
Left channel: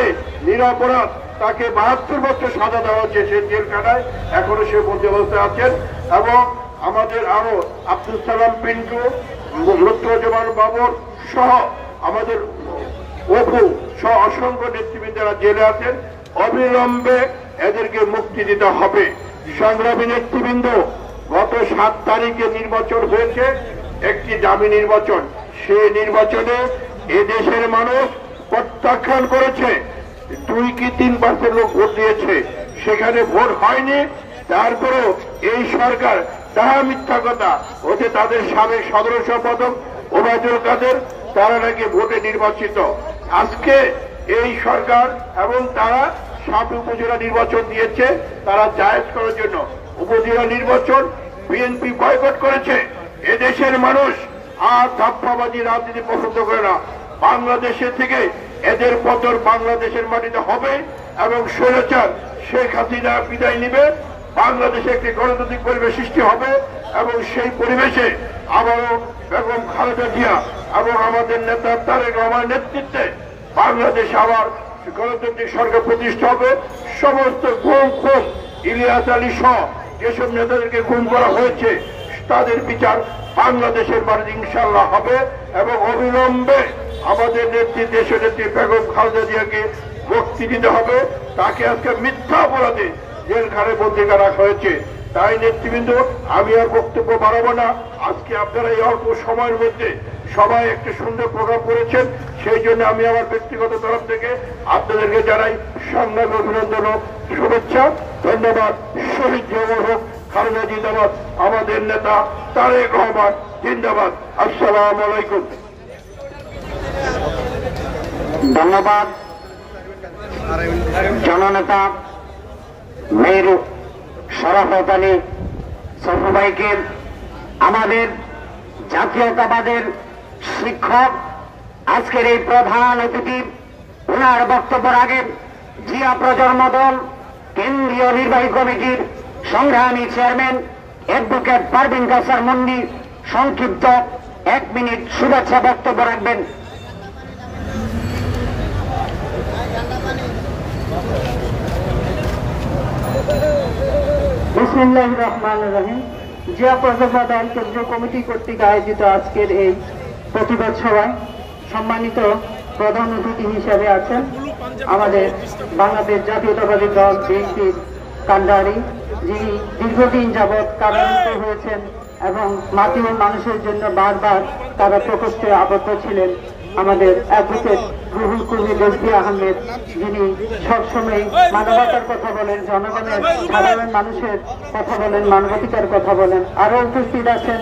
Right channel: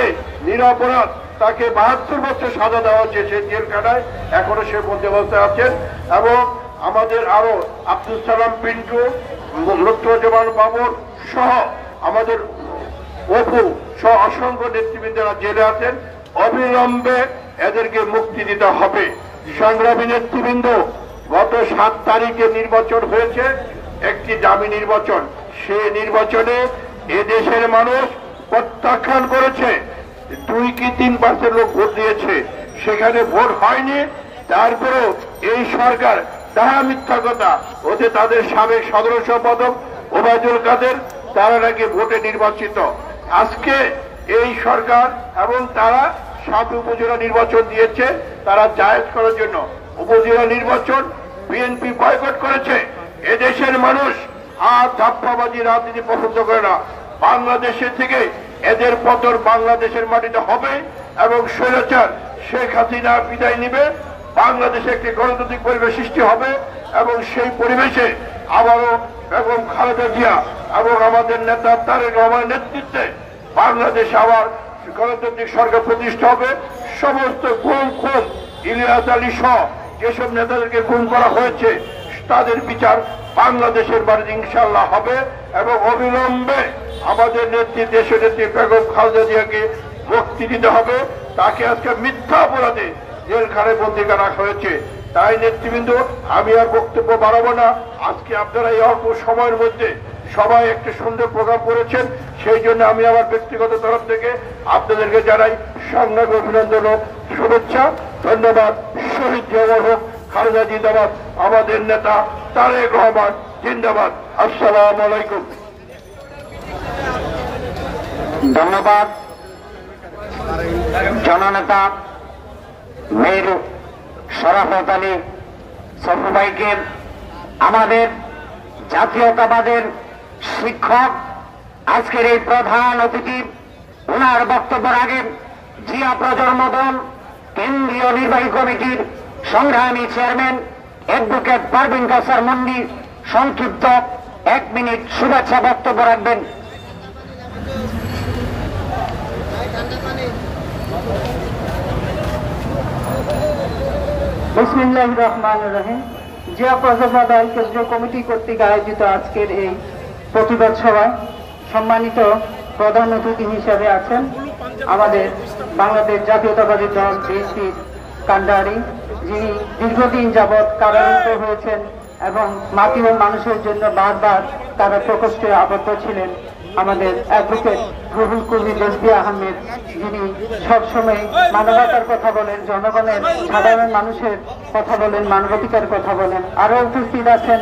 নিরপরাধ, তাকে 72 বছর সাজা দেওয়া হয়েছে, সে জেলখানায় এখনো সে বন্দোবস্তে আছেন। এবং আমাদের আরো আব্দুল সালাম পিন্টু, লুৎফুজ্জামান বাবর সহ আমাদের অপু সহ অসংখ্য নেতৃবৃন্দরা জেলে আছেন। অবিলম্বে এদেরকে মুক্তি দিতে হবে। সংগ্রামী নেতৃবৃন্দ, গত 7 তারিখে নির্বাচন হয়েছে, একটি দামি নির্বাচন। সেই নির্বাচনে এদেশের মানুষ প্রত্যাখ্যান করেছে, 2 কি 3% লোক ভোট দিয়েছে, সেখানে ভোট হয়নি। তারপরেও এই সরকার তাহা মিথ্যা কথা, ওতে তাদের সাবেক সাধারণ সম্পাদক ওবায়দুল কাদের, তারা নাকি ভোটে নির্বাচিত। আজকে এই সরকার এবং তারা 7 উপজেলা নির্বাচন দিয়েছে, তারা জায়েজ করার জন্য উপজেলা নির্বাচন বিএনপি বয়কট করেছে। এদেশের মানুষ আর ধাপ্পাবাজি রাজনীতি পছন্দ করে না। বাংলাদেশে থেকে এদের পতন বাংলাদেশের মাটিতে হবে এবং স্বৈরাচার শেখ হাসিনা বিদায় নিবে। বাংলাদেশে একটি গণতান্ত্রিক পরিবেশ সৃষ্টি হবে এবং সেই পরিবেশে আবারও বেগম খালেদা জিয়া এবং আমাদের নেতা তারেক রহমানের নেতৃত্বে বাংলাদেশে আবার গণতান্ত্রিক সরকার প্রতিষ্ঠা হবে। সমস্ত গুম খুন ইলিয়াস আলী সহ যেসব নেতাদেরকে গুম করা হয়েছে তাদের বিচার বাংলাদেশের বাড়িতে ইনশাআল্লাহ হবে এবং অবিলম্বে আমাদের নেত্রী দেশনেত্রী বেগম খালেদা জিয়াকে মুক্তি দিতে হবে। তাকে আজকে মিথ্যা অপরাধে জেলখানায় বন্দী করা হয়েছে। তাই নেতৃবৃন্দ, আমি আর বক্তব্য বাড়াবো না। আজকে আপনারা এই অল্প সময়ের মধ্যে সবাই একটা সুন্দর প্রোগ্রাম করেছেন, সেই জন্য আমি আমার ব্যক্তিগত তরফ থেকে আপনাদেরকে জানাই সংগ্রামী অভিনন্দন ও শুভেচ্ছা। ধন্যবাদ। শহীদ জওয়ান হোক, খালেদা জিন্দাবাদ, আমাদের নেতা তারেক রহমান জিন্দাবাদ। আসসালামু আলাইকুম। ধন্যবাদ জননেতা মেয়র শরাফত আলী সফু ভাইকে। আমাদের জাতীয়তাবাদের শিক্ষক আজকের এই প্রধান অতিথি, ওনার বক্তব্যের আগে জিয়া প্রজন্ম দল কেন্দ্রীয় নির্বাহী কমিটির সংগ্রামী চেয়ারম্যান অ্যাডভোকেট পারভিন কাসার মুন্নি সংক্ষিপ্ত 1 মিনিট শুভেচ্ছা বক্তব্য রাখবেন। বিসমিল্লাহির রহমানির রহিম। জিয়া প্রজন্ম দল কেন্দ্রীয় কমিটি কর্তৃক আয়োজিত আজকের এই প্রতিবাদ সভায় সম্মানিত প্রধান অতিথি হিসেবে আছেন আমাদের বাংলাদেশ জাতীয়তাবাদী দল বিএনপির কান্ডারি, যিনি দীর্ঘদিন যাবৎ কারারুদ্ধ হয়েছেন এবং মাটি ও মানুষের জন্য বারবার তারা প্রকোষ্ঠে আবদ্ধ ছিলেন, আমাদের অ্যাডভোকেট রুহুল কবির রেজভী আহমেদ, যিনি সবসময় মানবতার কথা বলেন, জনগণের সাধারণ মানুষের কথা বলেন, মানবাধিকার কথা বলেন। আরো উপস্থিত আছেন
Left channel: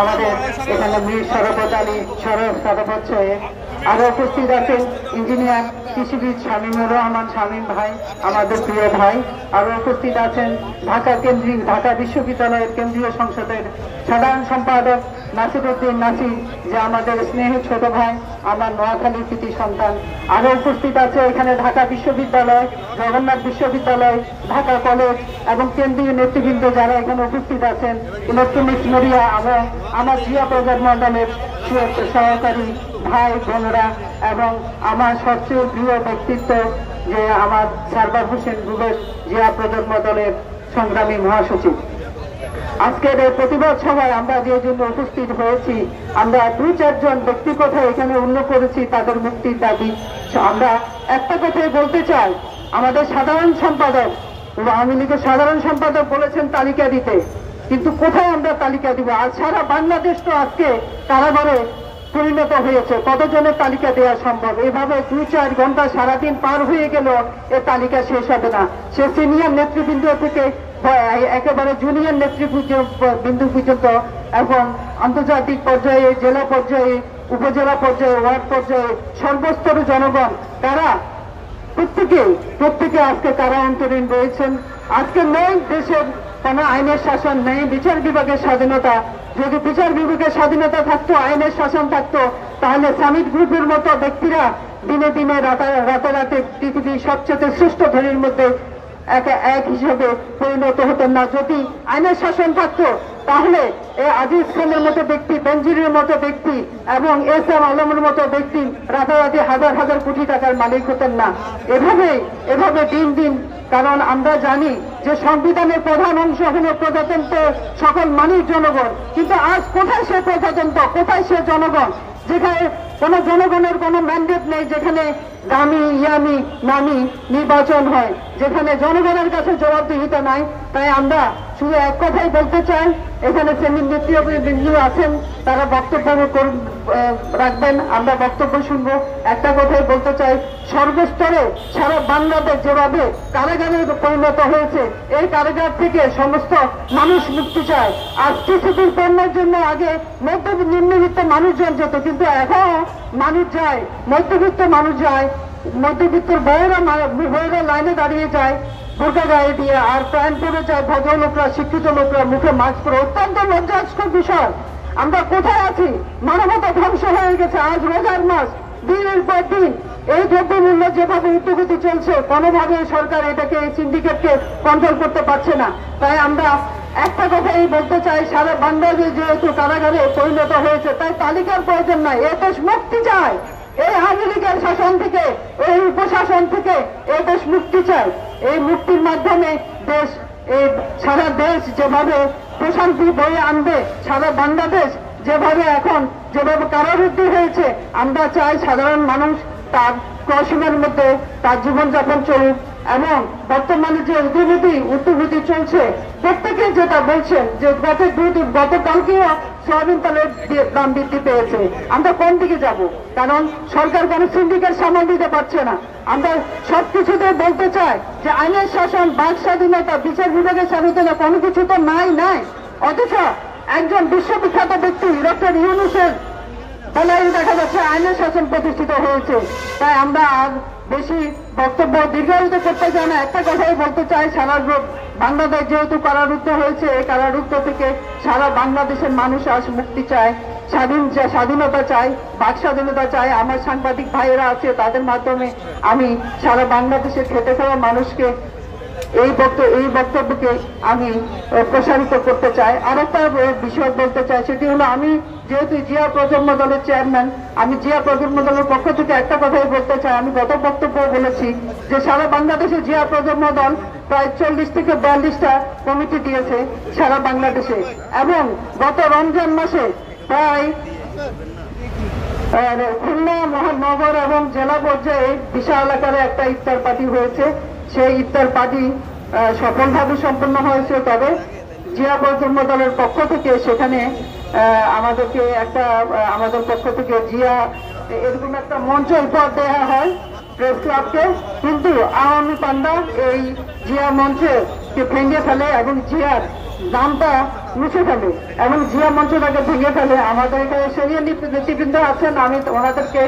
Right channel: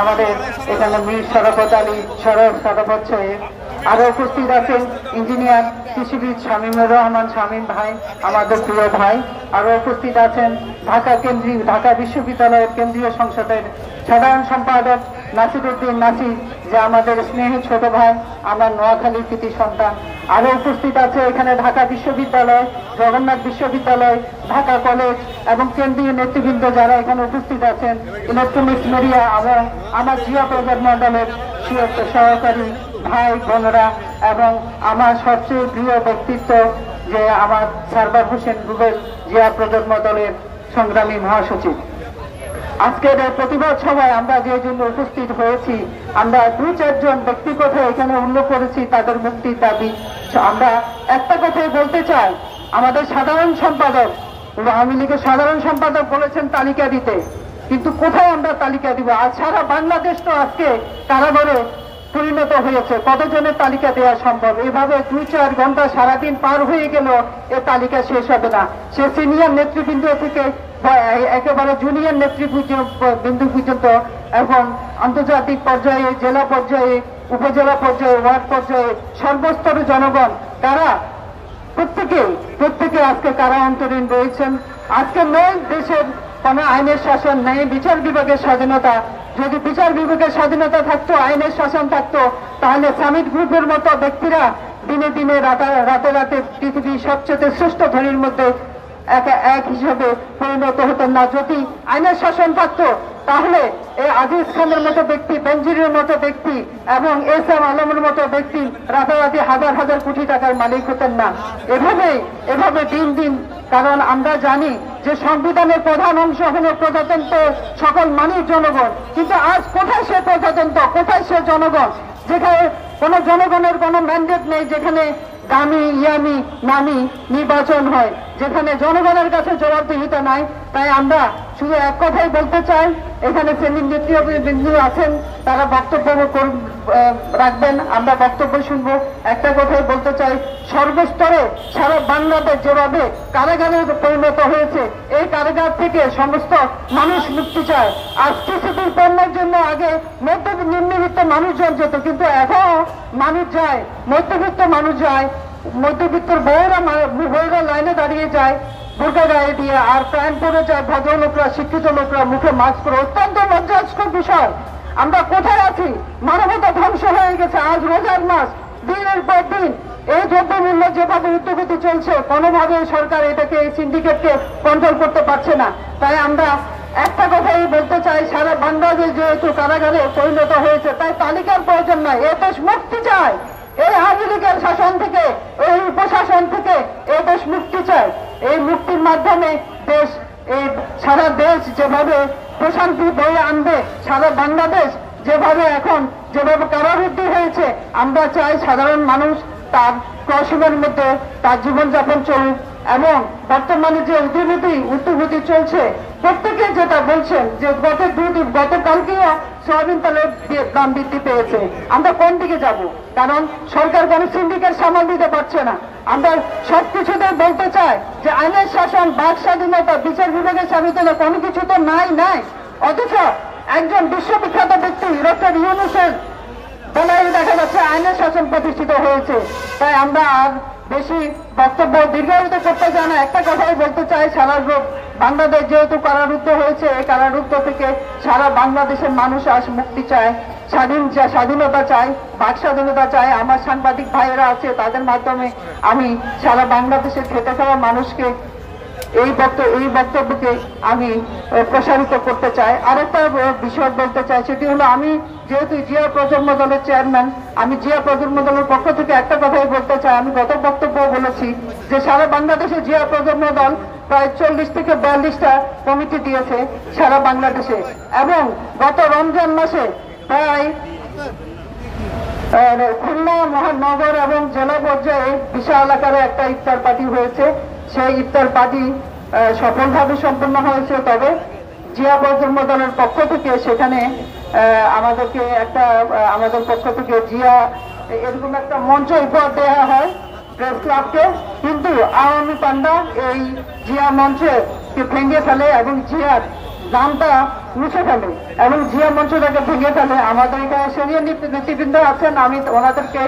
আমাদের এখানে মীর শরাফত আলী শরাফত সাহেব, আরো উপস্থিত আছেন ইঞ্জিনিয়ার কৃষিবিদ শামীমুর রহমান শামীম ভাই, আমাদের প্রিয় ভাই। আরো উপস্থিত আছেন ঢাকা বিশ্ববিদ্যালয়ের কেন্দ্রীয় সংসদের সাধারণ সম্পাদক নাসিরউদ্দিন নাসির, যে আমাদের স্নেহ ছোট ভাই, আমার নোয়াখালী কৃতি সন্তান। আরো উপস্থিত আছে এখানে ঢাকা বিশ্ববিদ্যালয়, জগন্নাথ বিশ্ববিদ্যালয়, ঢাকা কলেজ এবং কেন্দ্রীয় নেতৃবৃন্দ যারা এখানে উপস্থিত আছেন, ইলেকট্রনিক্স মিডিয়া এবং আমার জিয়া প্রজন্ম দলের সহকারী ভাই বোনরা এবং আমার সবচেয়ে প্রিয় ব্যক্তিত্ব যে আমার সারবার হোসেন রুবেল, জিয়া প্রজন্ম দলের সংগ্রামী মহাসচিব। আজকের এই প্রতিবাদ সভায় আমরা যে জন্য উপস্থিত হয়েছি, আমরা 2-4 জন ব্যক্তি কথা এখানে উল্লেখ করেছি তাদের মুক্তির দাবি। আমরা একটা কথাই বলতে চাই, আমাদের সাধারণ সম্পাদক, আওয়ামী লীগের সাধারণ সম্পাদক বলেছেন তালিকা দিতে, কিন্তু কোথায় আমরা তালিকা দিব? আর সারা বাংলাদেশ তো আজকে কারাগারে পরিণত হয়েছে, কতজনের তালিকা দেওয়া সম্ভব? এভাবে 2-4 ঘন্টা সারাদিন পার হয়ে গেল, এই তালিকা শেষ হবে না। সে সিনিয়র নেতৃবৃন্দ থেকে একেবারে জুনিয়র নেতৃবৃন্দ পর্যন্ত এখন আন্তর্জাতিক পর্যায়ে, জেলা পর্যায়ে, উপজেলা পর্যায়ে, ওয়ার্ড পর্যায়ে সর্বস্তরের জনগণ তারা প্রত্যেকে আজকে তারা অন্তরীণ রয়েছেন। আজকে নেই দেশের কোন আইনের শাসন, নেই বিচার বিভাগের স্বাধীনতা। যদি বিচার বিভাগের স্বাধীনতা থাকতো, আইনের শাসন থাকতো, তাহলে সামিট গ্রুপের মতো ব্যক্তিরা দিনে দিনে রাতে পৃথিবীর সবচেয়ে শ্রেষ্ঠ ধনীর মধ্যে এক হিসেবে পরিণত হতেন না। যদি আইনের শাসন থাকতো তাহলে আজিজ খানের মতো ব্যক্তি, বেনজিরের মতো ব্যক্তি এবং এস.এম. আলমের মতো ব্যক্তি রাতারাতি হাজার হাজার কোটি টাকার মালিক হতেন না। এভাবে দিন, কারণ আমরা জানি যে সংবিধানের প্রধান অংশ হল প্রজাতন্ত্র, সকল মানুষ জনগণ। কিন্তু আজ কোথায় সে প্রজাতন্ত্র, কোথায় সে জনগণ, যেখানে কোন জনগণের কোন ম্যান্ডেট নেই, যেখানে দামি ইয়ামি নামি নির্বাচন হয়, যেখানে জনগণের কাছে জবাবদিহিতা নাই। তাই আমরা শুধু এক কথাই বলতে চাই, এখানে শ্রেণীর নেতৃবৃন্দ আছেন, তারা বক্তব্য রাখবেন, আমরা বক্তব্য শুনবো। একটা কথাই বলতে চাই, সর্বস্তরে সারা বাংলাদেশ যেভাবে কারাগারে পরিণত হয়েছে, এই কারাগার থেকে সমস্ত মানুষ মুক্তি চায়। আজ টিসিপির পণ্যের জন্য আগে নিম্নবিত্ত মানুষজন যেত, কিন্তু এখন মানুষ যায়, মধ্যবিত্ত মানুষ যায়, মধ্যবিত্তের বউরা লাইনে দাঁড়িয়ে যায় বোরকা গায়ে দিয়ে, আর প্যান্ট পরে যায় ভদ্রলোকরা, শিক্ষিত লোকরা মুখে মাস্ক পরে। অত্যন্ত লজ্জাস্কর বিষয়। আমরা কোথায় আছি? মানবতা ধ্বংস হয়ে গেছে। আজ রোজার মাস, দিনের পর দিন এই দ্রব্যমূল্য যেভাবে ঊর্ধ্বগতি চলছে, কোনোভাবে সরকার এটাকে এই সিন্ডিকেটকে কন্ট্রোল করতে পারছে না। তাই আমরা একটা কথাই বলতে চাই, সারা বাংলাদেশ যেহেতু কারাগারে পরিণত হয়েছে, তাই তালিকার প্রয়োজন নাই। এ দেশ মুক্তি চায়, এই আওয়ামী লীগের শাসন থেকে, এই উপশাসন থেকে এই দেশ মুক্তি চায়। এই মুক্তির মাধ্যমে দেশ, এই সারা দেশ যেভাবে প্রশান্তি বয়ে আনবে, সারা বাংলাদেশ যেভাবে এখন যেভাবে কারারুদ্ধ হয়েছে, আমরা চাই সাধারণ মানুষ তার ক্রসিংয়ের মধ্যে তার জীবনযাপন চলুক। এবং বর্তমানে যে ঊর্ধ্বগতি চলছে, প্রত্যেকে যেটা বলছেন যে গতকালকেও সোয়াবিন তেলের দাম বৃদ্ধি পেয়েছে। আমরা কোন দিকে যাব? কারণ সরকার কোনো সিন্ডিকেট সামাল দিতে পারছে না। আমরা সবকিছুতে বলতে চাই যে আইনের শাসন, বাক স্বাধীনতা, বিচার বিভাগের স্বাধীনতা কোনো কিছু তো নাই। অথচ একজন বিশ্ববিখ্যাত ব্যক্তি ডক্টর ইউনূসের বলাই দেখা যাচ্ছে আইনের শাসন প্রতিষ্ঠিত হয়েছে। তাই আমরা আর বেশি বক্তব্য দীর্ঘায়িত করতে চাই না। একটা কথাই বলতে চাই, সারা বাংলাদেশ যেহেতু কারারুদ্ধ হয়েছে, এই কারারুদ্ধ থেকে সারা বাংলাদেশের মানুষ আজ মুক্তি চায়, স্বাধীনতা চায়, বাক স্বাধীনতা চায়। আমার সাংবাদিক ভাইয়েরা আছে, তাদের মাধ্যমে আমি সারা বাংলাদেশের খেটে খাওয়া মানুষকে এই বক্তব্যকে আমি প্রসারিত করতে চাই। আর একটা বিষয় বলতে চাই, সেটি হলো আমি যেহেতু জিয়া প্রজন্ম দলের চেয়ারম্যান, আমি জিয়া প্রজন্ম দলের পক্ষ থেকে একটা কথাই বলতে চাই। আমি গত বক্তব্য বলেছি যে সারা বাংলাদেশে জিয়া প্রজন্ম দল প্রায় 40 থেকে 42টা কমিটি দিয়েছে সারা বাংলাদেশে, এবং গত রমজান মাসে প্রায় খুলনা মহানগর এবং জেলা পর্যায়ে বিশাল আকারে একটা ইফতার পার্টি হয়েছে। সেই ইফতার পার্টি সফলভাবে সম্পন্ন হয়েছে। তবে জিয়া প্রজন্ম দলের পক্ষ থেকে সেখানে আমাদের পক্ষ থেকে জিয়া এরকম একটা মঞ্চ উপহার দেওয়া হয় প্রেস ক্লাবকে, কিন্তু আওয়ামী পান্ডা এই জিয়া মঞ্চে ভেঙে ফেলে এবং জিয়ার নামটা মুছে ফেলে এবং জিয়া মঞ্চটাকে ভেঙে ফেলে। আমাদের এখানে সিনিয়র নেতৃবৃন্দ আছেন, আমি ওনাদেরকে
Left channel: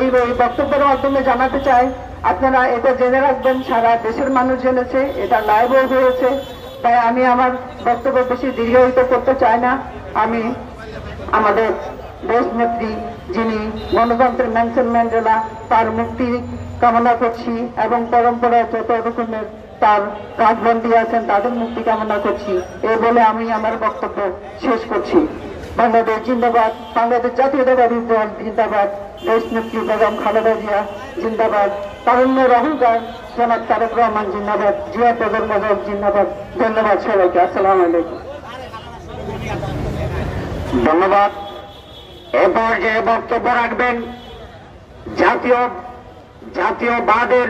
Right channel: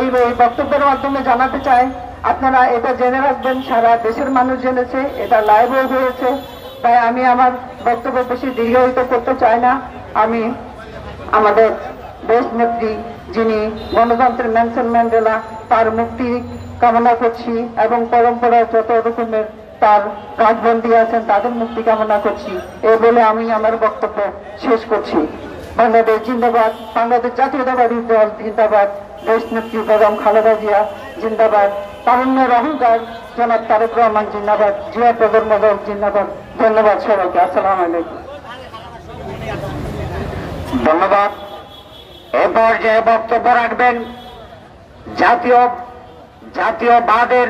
এই বক্তব্যের মাধ্যমে জানাতে চাই, আপনারা এটা জেনে রাখবেন, সারা দেশের মানুষ জেনেছে, এটা লাইভও হয়েছে। তাই আমি আমার বক্তব্য বেশি দীর্ঘায়িত করতে চাই না। আমি আমাদের দেশ নেত্রী, যিনি গণতন্ত্রের নেলসন ম্যান্ডেলা, তার মুক্তি কামনা করছি এবং পরম্পরায় যত রকমের তার রাজবন্দী আছেন তাদের মুক্তি কামনা করছি। এই বলে আমি আমার বক্তব্য শেষ করছি। বাংলাদেশ জিন্দাবাদ, বাংলাদেশ জাতীয়তাবাদী দল জিন্দাবাদ, দেশ নেত্রী বেগম খালেদা জিয়া জিন্দাবাদ, তারুণ্যের অহংকার জনাব তারেক রহমান জিন্দাবাদ, জিয়া প্রজন্ম দল জিন্দাবাদ। ধন্যবাদ সবাইকে। আসসালামু আলাইকুম। ধন্যবাদ। এরপর যে বক্তব্য রাখবেন জাতীয়বাদের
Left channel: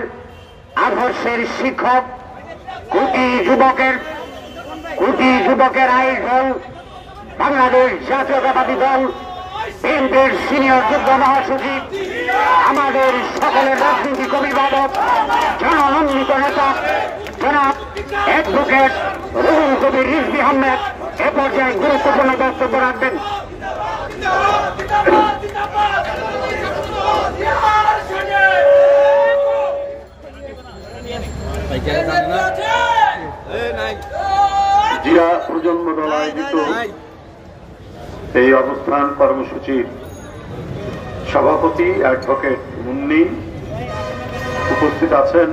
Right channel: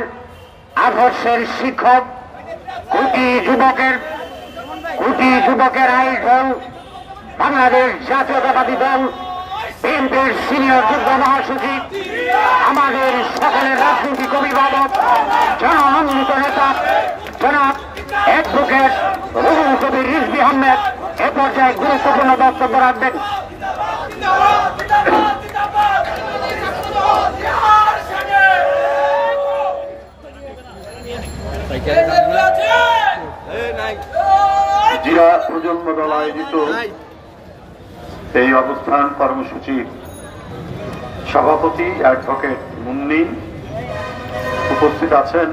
আদর্শের শিক্ষক, কোটি যুবকের আইন দল, বাংলাদেশ জাতীয়তাবাদী দল বিএনপির সিনিয়র যুগ্ম মহাসচিব, আমাদের সকলের রাজনৈতিক অভিভাবক, জনমনোনীত নেতা জনাব অ্যাডভোকেট রুহুল কবির রিজভী আহমেদ এ পর্যায়ে গুরুত্বপূর্ণ বক্তব্য রাখবেন। জিয়া প্রজন্ম দল আয়োজিত এই অবস্থান কর্মসূচির সভাপতি অ্যাডভোকেট মুন্নি, উপস্থিত আছেন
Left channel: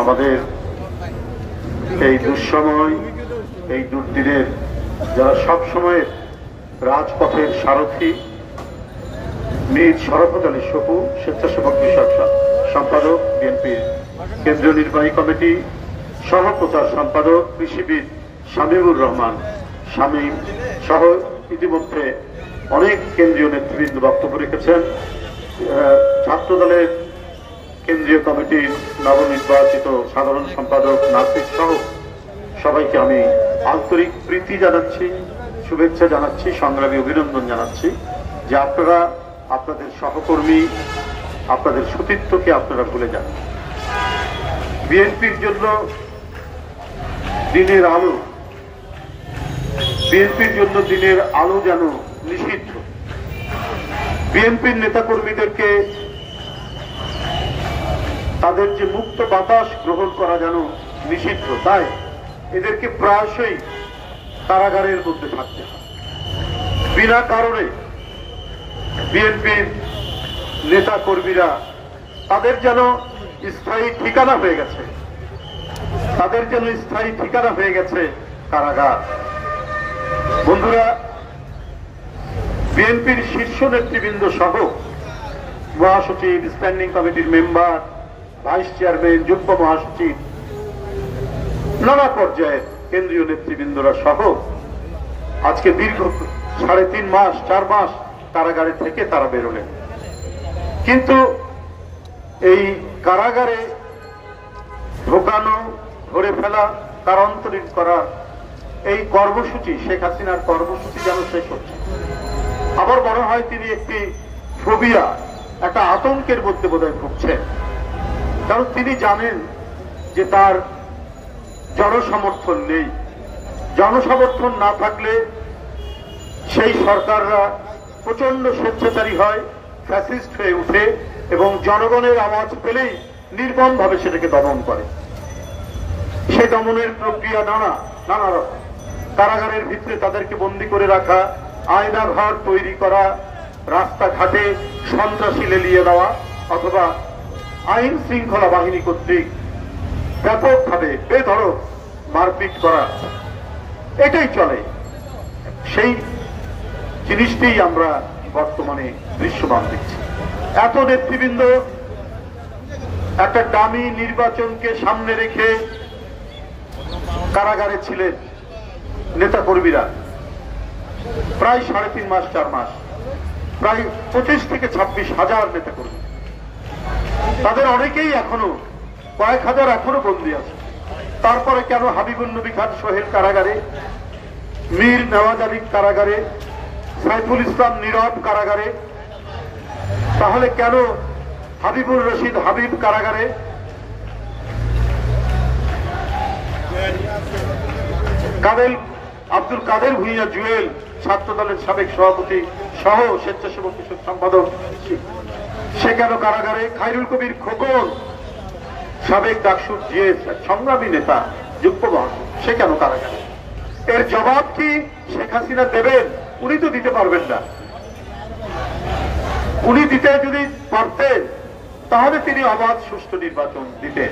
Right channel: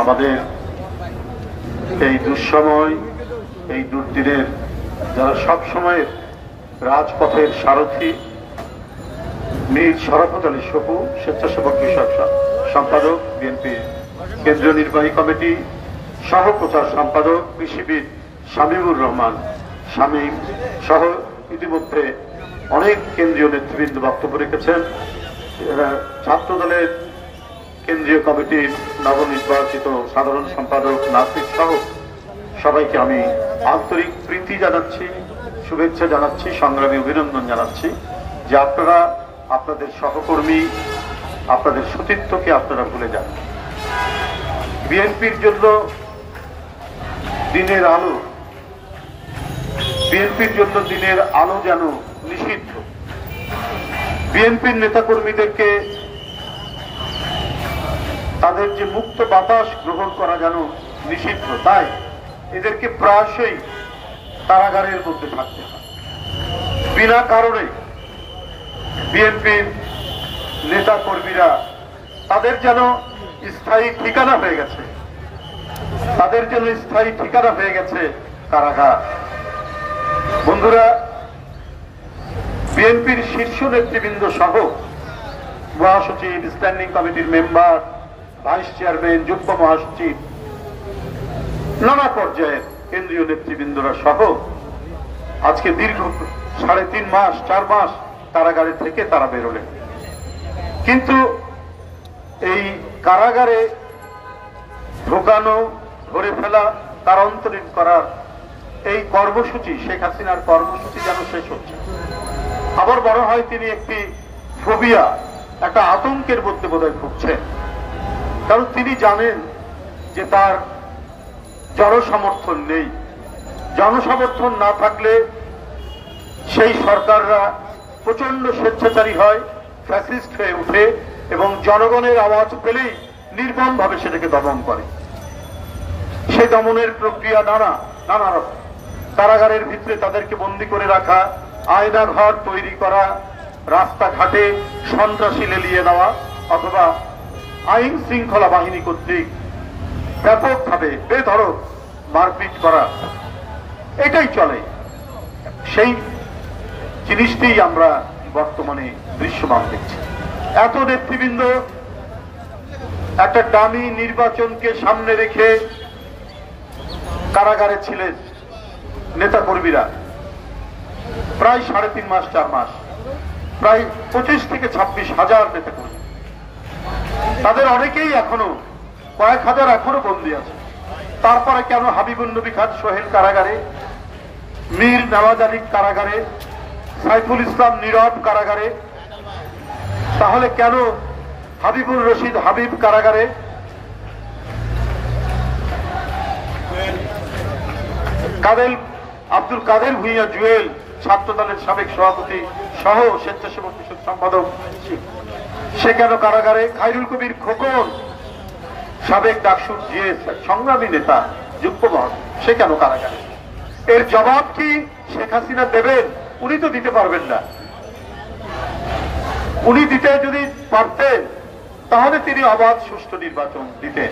আমাদের এই দুঃসময়, এই দুর্দিনের যারা সবসময় রাজপথের সারথী, মীর শরাফত আলী সপু, স্বেচ্ছাসেবক বিষয়ক সম্পাদক, বিএনপির কেন্দ্রীয় নির্বাহী কমিটি সহ প্রচার সম্পাদক, কৃষিবিদ শামীমুর রহমান শামীম সহ ইতিমধ্যে অনেক কেন্দ্রীয় নেতৃবৃন্দ বক্তব্য রেখেছেন। ছাত্র দলের কেন্দ্রীয় কমিটির নবনির্বাচিত সাধারণ সম্পাদক নাসির সহ সবাইকে আমি আন্তরিক প্রীতি জানাচ্ছি, শুভেচ্ছা জানাচ্ছি, সংগ্রামী অভিনন্দন জানাচ্ছি যে আপনারা আপনাদের সহকর্মী, আপনাদের সতীর্থকে আপনারা ভুলে যান। বিএনপির জন্য দিনের আলো, বিএনপির জন্য দিনের আলো যেন নিষিদ্ধ। বিএনপির নেতাকর্মীদেরকে তাদের যে মুক্ত বাতাস গ্রহণ করা যেন নিষিদ্ধ। তাই এদেরকে প্রায়শই কারাগারের মধ্যে থাকতে হয়। বিনা কারণে বিএনপির নেতা কর্মীরা তাদের যেন স্থায়ী ঠিকানা হয়ে গেছে, তাদের জন্য স্থায়ী ঠিকানা হয়ে গেছে কারাগার। বন্ধুরা, বিএনপির শীর্ষ নেতৃবৃন্দ সহ মহাসচিব, স্ট্যান্ডিং কমিটির মেম্বার, ভাইস চেয়ারম্যান, যুগ্ম মহাসচিব, নানা পর্যায়ের কেন্দ্রীয় নেতৃবৃন্দরা সহ আজকে দীর্ঘ 3.5 মাস 4 মাস কারাগারে থেকে তারা বেরোলেন। কিন্তু এই কারাগারে ঢোকানো, ধরে ফেলা, কারান্তরীণ করা এই কর্মসূচি, শেখ হাসিনার কর্মসূচি যেন শেষ হচ্ছে। আবার মনে হয় তিনি একটি ফোবিয়া, একটা আতঙ্কের মধ্যে বোধহয় ভুগছেন। কারণ তিনি জানেন যে তার জনসমর্থন নেই। জনসমর্থন না থাকলে সেই সরকাররা প্রচন্ড স্বেচ্ছাচারী হয়, ফ্যাসিস্ট হয়ে উঠে এবং জনগণের আওয়াজ পেলেই নির্মমভাবে সেটাকে দমন করে। সেই দমনের প্রক্রিয়া নানা রকম। কারাগারের ভিতরে তাদেরকে বন্দী করে রাখা, আয়নাঘর তৈরি করা, রাস্তাঘাটে সন্ত্রাসী লেলিয়ে দেওয়া, অথবা আইন শৃঙ্খলা বাহিনী কর্তৃক ব্যাপকভাবে বেধড়ক মারপিট করা, এটাই চলে। সেই জিনিসটি আমরা বর্তমানে দৃশ্যমান দেখছি। এত নেতৃবৃন্দ একটা দামি নির্বাচনকে সামনে রেখে কারাগারে ছিলেন। নেতা কর্মীরা প্রায় 3.5 মাস 4 মাস, প্রায় 25 থেকে 26 হাজার নেতা কর্মী। তাদের অনেকেই এখনো, কয়েক হাজার এখনো বন্দী আছে। তারপরে কেন হাবিবুল নবী খান সোহেল কারাগারে, মীর নওয়াজ আলী কারাগারে, সাইফুল ইসলাম নীরব কারাগারে, তাহলে কেন হাবিবুর রশিদ হাবিব কারাগারে, আব্দুল কাদের ভূঁইয়া জুয়েল ছাত্র দলের সাবেক সভাপতি সহ স্বেচ্ছাসেবক সম্পাদক, সে কেন কারাগারে, খায়রুল কবির খোকন সাবেক ডাকসুর জিএস সংগ্রামী নেতা, যুগ্ম মহাসচিব, সে কেন কারাগারে? এর জবাব কি শেখ হাসিনা দেবেন? উনি তো দিতে পারবেন না। উনি দিতে যদি পারতেন তাহলে তিনি অবাধ সুষ্ঠু নির্বাচন দিতেন।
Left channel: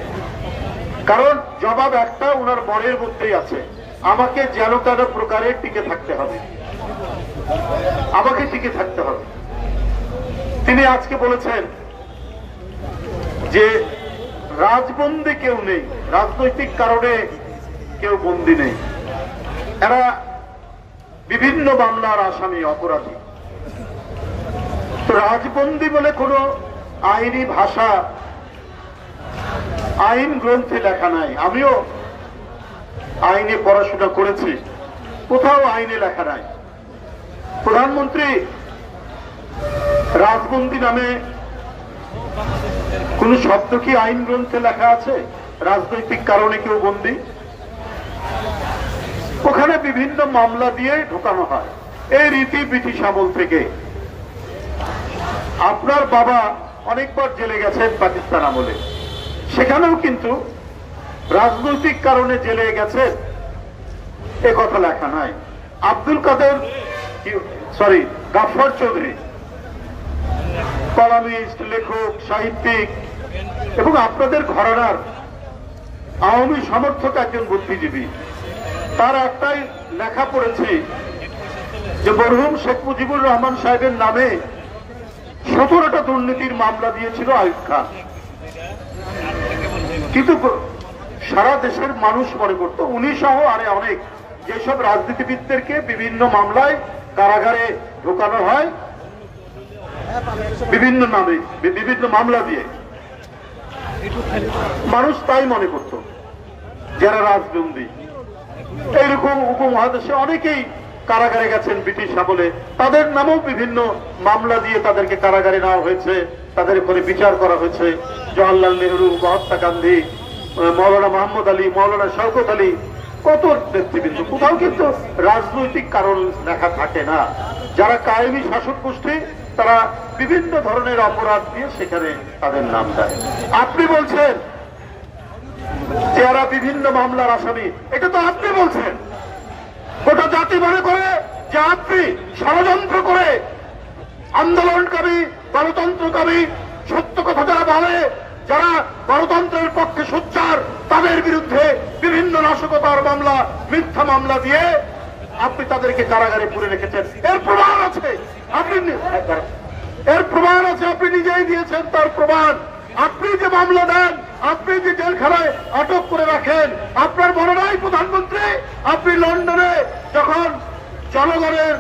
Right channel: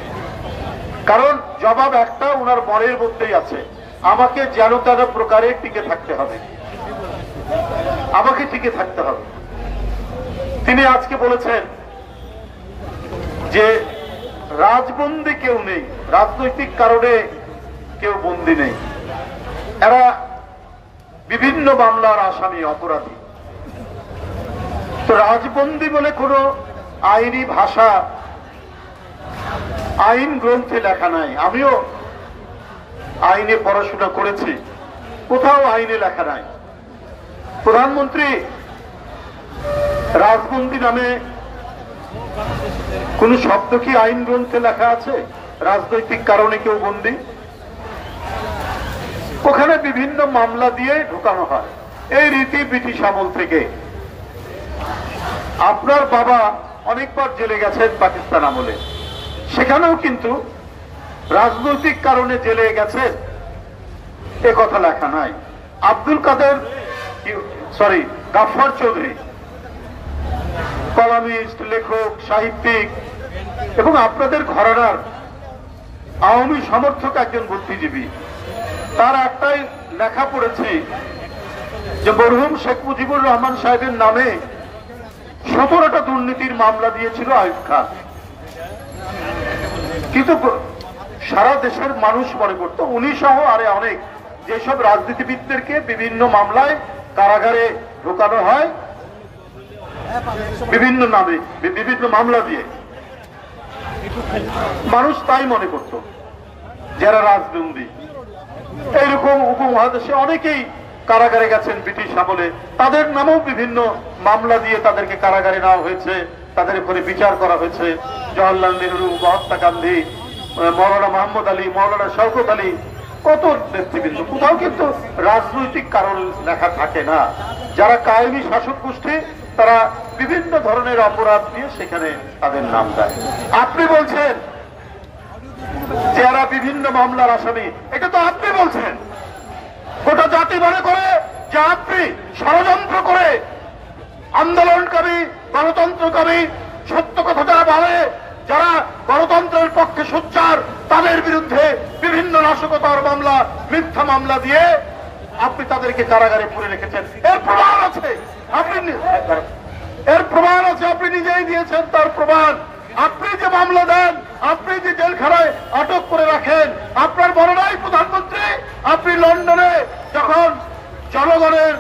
কারণ জবাব একটা উনার মনের মধ্যেই আছে, আমাকে যেন তেন প্রকারে টিকে থাকতে হবে, আমাকে টিকে থাকতে হবে। তিনি আজকে বলেছেন যে রাজবন্দী কেউ নেই, রাজনৈতিক কারণে কেউ বন্দী নেই, এরা বিভিন্ন মামলার আসামি, অপরাধী। তো রাজবন্দী বলে কোনো আইনি ভাষা, আইন গ্রন্থে লেখা নাই। আমিও আইনে পড়াশোনা করেছি, কোথাও আইনে লেখা নাই। প্রধানমন্ত্রী রাজবন্দী নামে কোন শব্দ কি আইন গ্রন্থে লেখা আছে? রাজনৈতিক কারণে কেউ বন্দী, ওখানে বিভিন্ন মামলা দিয়ে ঢোকানো হয়। এই রীতি ব্রিটিশ আমল থেকে। আপনার বাবা অনেকবার জেলে গেছেন পাকিস্তান আমলে, সেখানেও কিন্তু রাজনৈতিক কারণে জেলে গেছে এ কথা লেখা নাই। আব্দুল কাদের গাফফার চৌধুরী কলামিস্ট, লেখক, সাহিত্যিক এবং আপনাদের ঘরানার আওয়ামী সমর্থক একজন বুদ্ধিজীবী, তার একটাই লেখা পড়েছি যে মরহুম শেখ মুজিবুর রহমান সাহেবের নামে 17টা দুর্নীতির মামলা দিয়েছিল আইয়ুব খান। কিন্তু সারা দেশের মানুষ মনে করত উনি সহ আরে অনেক যেসব রাজনীতিবিদদেরকে বিভিন্ন মামলায় কারাগারে ঢোকানো হয় বিভিন্ন নামে, বিভিন্ন মামলা দিয়ে, মানুষ তাই মনে করত যারা রাজবন্দী। এইরকম উপমহাদেশে অনেকেই কারাগারে গেছেন ব্রিটিশ আমলে, তাদের নামেও বিভিন্ন মামলা দিয়ে তাদেরকে কারাগারে নেওয়া হয়েছে, তাদের উপরে বিচার করা হয়েছে। জওয়াহরলাল নেহরু, মহাত্মা গান্ধী, মৌলানা মোহাম্মদ আলী, মৌলানা শওকত আলী, কত নেতৃবৃন্দ। কোথাও কিন্তু রাজনৈতিক কারণ লেখা থাকে না। যারা কায়েমি শাসক গোষ্ঠী তারা বিভিন্ন ধরনের অপরাধ দিয়ে সেখানে তাদের নাম দেয়। আপনি বলছেন যারা বিভিন্ন মামলার আসামি, এটা তো আপনি বলছেন। গোটা জাতি মনে করে যে আপনি ষড়যন্ত্র করে আন্দোলনকারী, গণতন্ত্রকারী, সত্য কথা যারা বলে, যারা গণতন্ত্রের পক্ষে সোচ্চার, তাদের বিরুদ্ধে বিভিন্ন নাশকতার মামলা, মিথ্যা মামলা দিয়ে আপনি তাদেরকে কারাগারে পুরে রেখেছেন। এর প্রমাণ আছে, আপনি নিজেই দিয়েছেন তার প্রমাণ। আপনি যে মামলা দেন, আপনি যে জেলখানায় আটক করে রাখেন, আপনার মনে নাই প্রধানমন্ত্রী আপনি লন্ডনে যখন জনগণের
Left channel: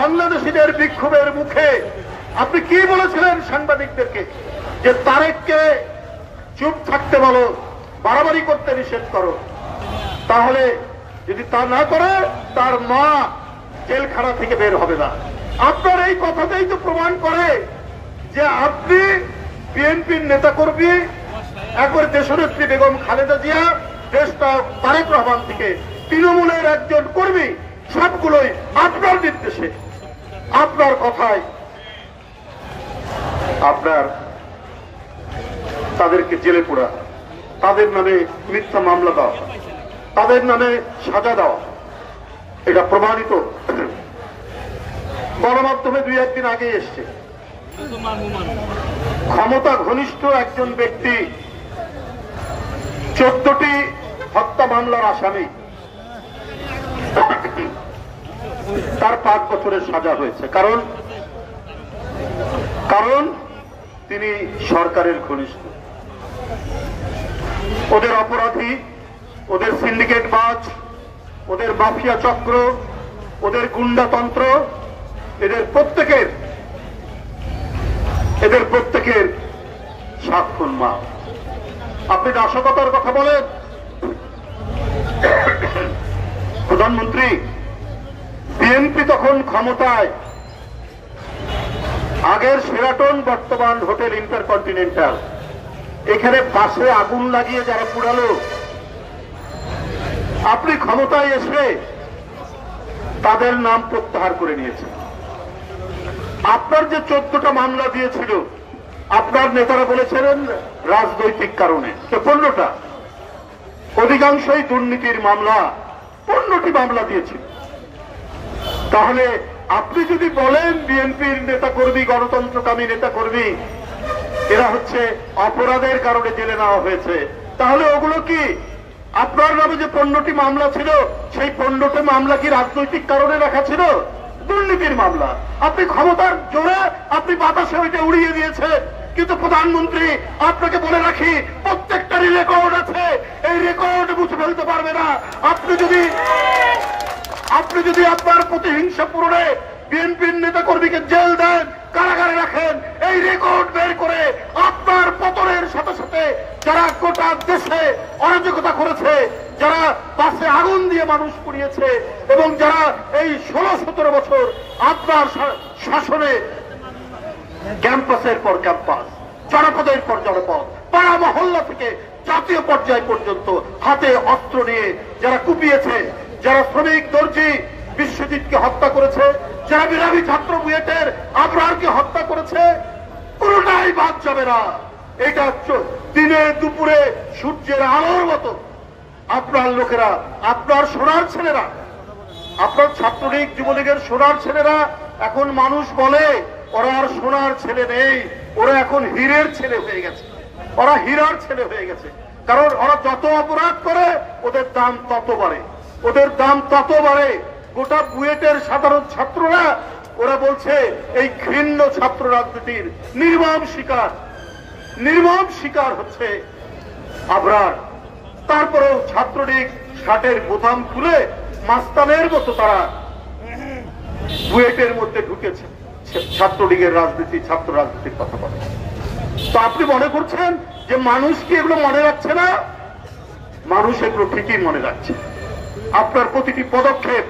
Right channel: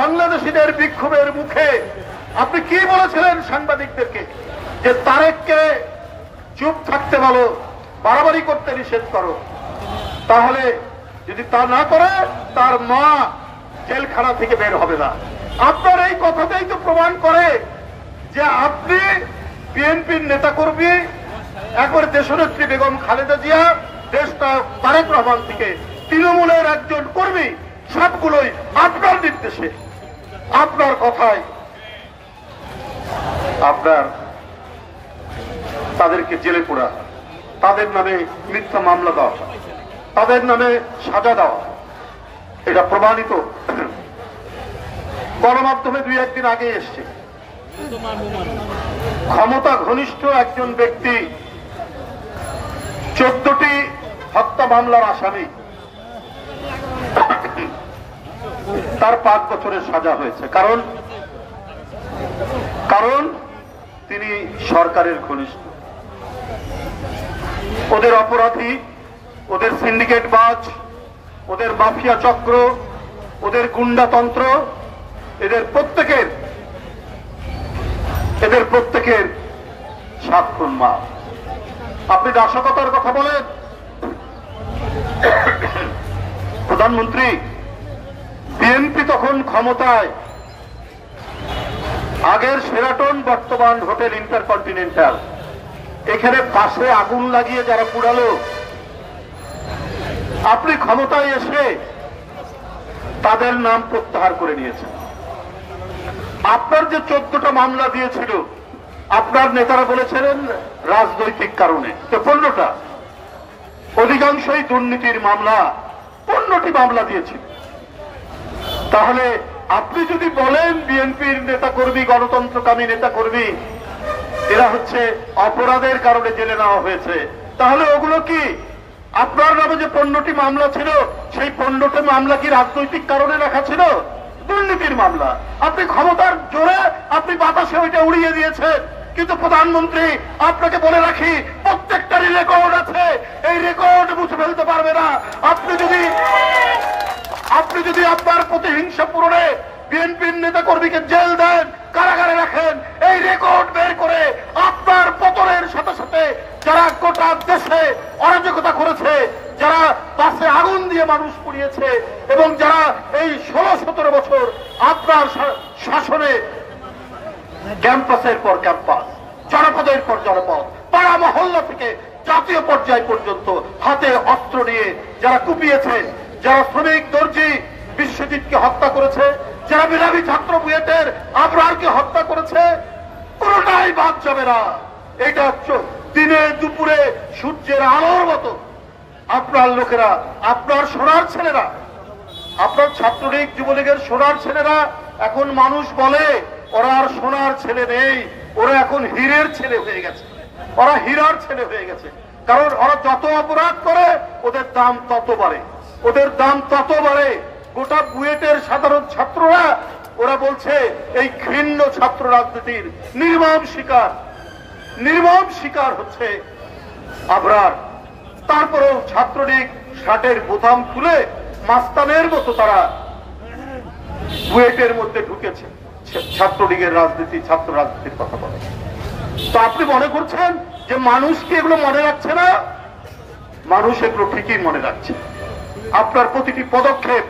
বাংলাদেশিদের বিক্ষোভের মুখে আপনি কি বলেছিলেন সাংবাদিকদেরকে, যে তারেককে চুপ থাকতে বলো, বাড়াবাড়ি করতে নিষেধ করো, তাহলে যদি তা না করে তার মা জেলখানা থেকে বের হবে না। আপনার এই কথাটাই তো প্রমাণ করে যে আপনি বিএনপির নেতাকর্মী, একবার দেশনেত্রী বেগম খালেদা জিয়া, দেশটা তারেক রহমান থেকে তৃণমূলের একজন কর্মী, সবগুলোই আপনার নির্দেশে, আপনার কথায় আপনার তাদেরকে জেলে পোড়া, তাদের নামে মিথ্যা মামলা দেওয়া, তাদের নামে সাজা দেওয়া, এটা প্রমাণিত। গণমাধ্যমে 2-1 দিন আগে এসছে, ক্ষমতা ঘনিষ্ঠ একজন ব্যক্তি 14টি হত্যা মামলার আসামি, তার 5 বছরের সাজা হয়েছে। কারণ তিনি সরকারের ঘনিষ্ঠ। ওদের অপরাধী, ওদের সিন্ডিকেট বাজ, ওদের মাফিয়া চক্র, ওদের গুন্ডাতন্ত্র, এদের প্রত্যেকের সাক্ষণ মা। আপনি নাশকতার কথা বলেন, প্রধানমন্ত্রী বিএনপি তখন ক্ষমতায়, আগের শেরাটন, বর্তমান হোটেল ইন্টারকন্টিনেন্টাল, এখানে পাশে আগুন লাগিয়ে যারা পুড়ালো, আপনি ক্ষমতায় এসে তাদের নাম প্রত্যাহার করে নিয়েছেন। আপনার যে 14টা মামলা দিয়েছিল, আপনার নেতারা বলেছিলেন রাজনৈতিক কারণে, তো 15টা, অধিকাংশই দুর্নীতির মামলা, 15টি মামলা দিয়েছিল। তাহলে আপনি যদি বলেন বিএনপির নেতাকর্মী, গণতন্ত্রকামী নেতাকর্মী এরা হচ্ছে অপরাধের কারণে জেলে নেওয়া হয়েছে, তাহলে ওগুলো কি আপনার নামে যে 15টি মামলা ছিল, সেই 15টি মামলা কি রাজনৈতিক কারণে লেখা ছিল? দুর্নীতির মামলা। আপনি ক্ষমতার জোরে আপনি বাতাসে ওইটা উড়িয়ে দিয়েছেন। কিন্তু প্রধানমন্ত্রী, আপনাকে বলে রাখি, প্রত্যেকটারই রেকর্ড আছে, এই রেকর্ড মুছে ফেলতে পারবে না। আপনি যদি আপনার প্রতিহিংসা পূরণে বিএনপির নেতাকর্মীকে জেল দেন, কারাগারে রাখেন, এই রেকর্ড বের করে আপনার পতনের সাথে সাথে যারা গোটা দেশে অরাজকতা করেছে, যারা বাসে আগুন দিয়ে মানুষ পুড়িয়েছে, এবং যারা এই 16-17 বছর আপনার শাসনে ক্যাম্পাসের পর ক্যাম্পাস, জনপদের পর জনপদ, পাড়া মহল্লা থেকে জাতীয় পর্যায় পর্যন্ত হাতে অস্ত্র নিয়ে যারা কুপিয়েছে, যারা শ্রমিক দর্জি বিশ্বজিৎকে হত্যা করেছে, যারা মেধাবী ছাত্র বুয়েটের আবরারকে হত্যা করেছে, কোনটাই বাদ যাবে না। এটা দিনে দুপুরে সূর্যের আলোর মতো আপনার লোকেরা, আপনার সোনার ছেলেরা, আপনার ছাত্রলীগ যুবলীগের সোনার ছেলেরা, এখন মানুষ বলে ওরা আর সোনার ছেলে নেই, ওরা এখন হীরের ছেলে হয়ে গেছে, ওরা হীরার ছেলে হয়ে গেছে। কারণ ওরা যত অপরাধ করে ওদের দাম তত বাড়ে, ওদের দাম তত বাড়ে। গোটা বুয়েটের সাধারণ ছাত্ররা ওরা বলছে এই ঘৃণ্য ছাত্র রাজনীতির নির্মম শিকার হচ্ছে আবরার। তারপরেও ছাত্রলীগ শার্টের বোতাম খুলে মাস্তানের মতো তারা বুয়েটের মধ্যে ঢুকেছে, ছাত্রলীগের রাজনীতি, ছাত্র রাজনীতির কথা বলে। তো আপনি মনে করছেন যে মানুষ কি এগুলো মনে রাখছে না? মানুষ এগুলো ঠিকই মনে রাখছে। আপনার প্রতিটি পদক্ষেপ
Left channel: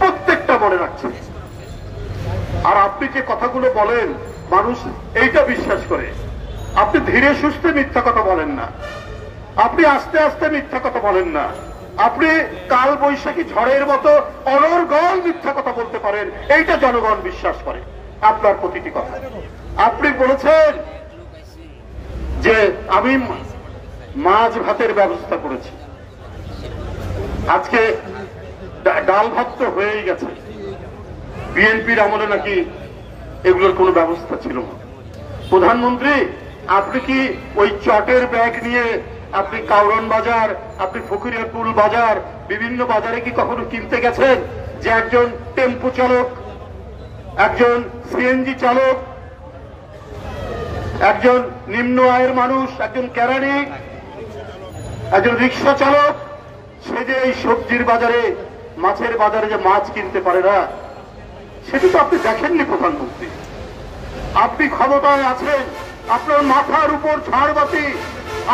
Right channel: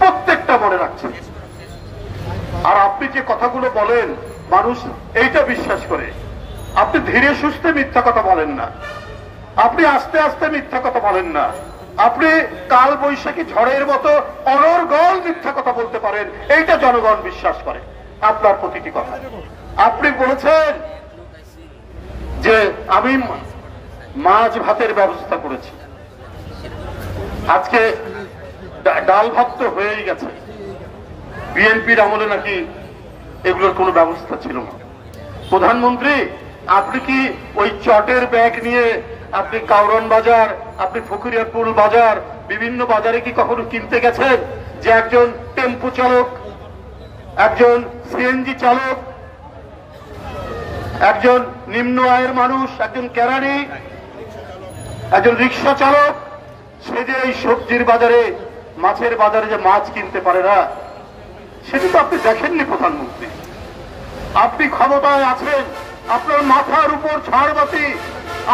প্রত্যেকটা মনে রাখছে। আর আপনি যে কথাগুলো বলেন মানুষ এইটা বিশ্বাস করে। আপনি ধীরে সুস্থে মিথ্যা কথা বলেন না, আপনি আস্তে আস্তে মিথ্যা কথা বলেন না, আপনি কাল বৈশাখী ঝড়ের মতো অনর্গল মিথ্যা কথা বলতে পারেন, এইটা জনগণ বিশ্বাস করে আপনার প্রতিটি কথা। আপনি বলেছেন যে আমি মাছ ভাতের ব্যবস্থা করেছি, আজকে ডাল ভাত তো হয়েই গেছে। বিএনপির আমলে নাকি এগুলোর কোনো ব্যবস্থা ছিল না। প্রধানমন্ত্রী, আপনি কি ওই চটের ব্যাগ নিয়ে আপনি কাউরন বাজার, আপনি ফকিরাপুর বাজার, বিভিন্ন বাজারে কি কখনো কিনতে গেছেন যে একজন টেম্পো চালক, একজন সিএনজি চালক, একজন নিম্ন আয়ের মানুষ, একজন কেরানি, একজন রিক্সা চালক, সে যে এই সবজির বাজারে, মাছের বাজারে যে মাছ কিনতে পারে না, সেটা তো আপনি দেখেননি প্রধানমন্ত্রী। আপনি ক্ষমতায় আছেন, আপনার মাথার উপর ঝাড়বাতি,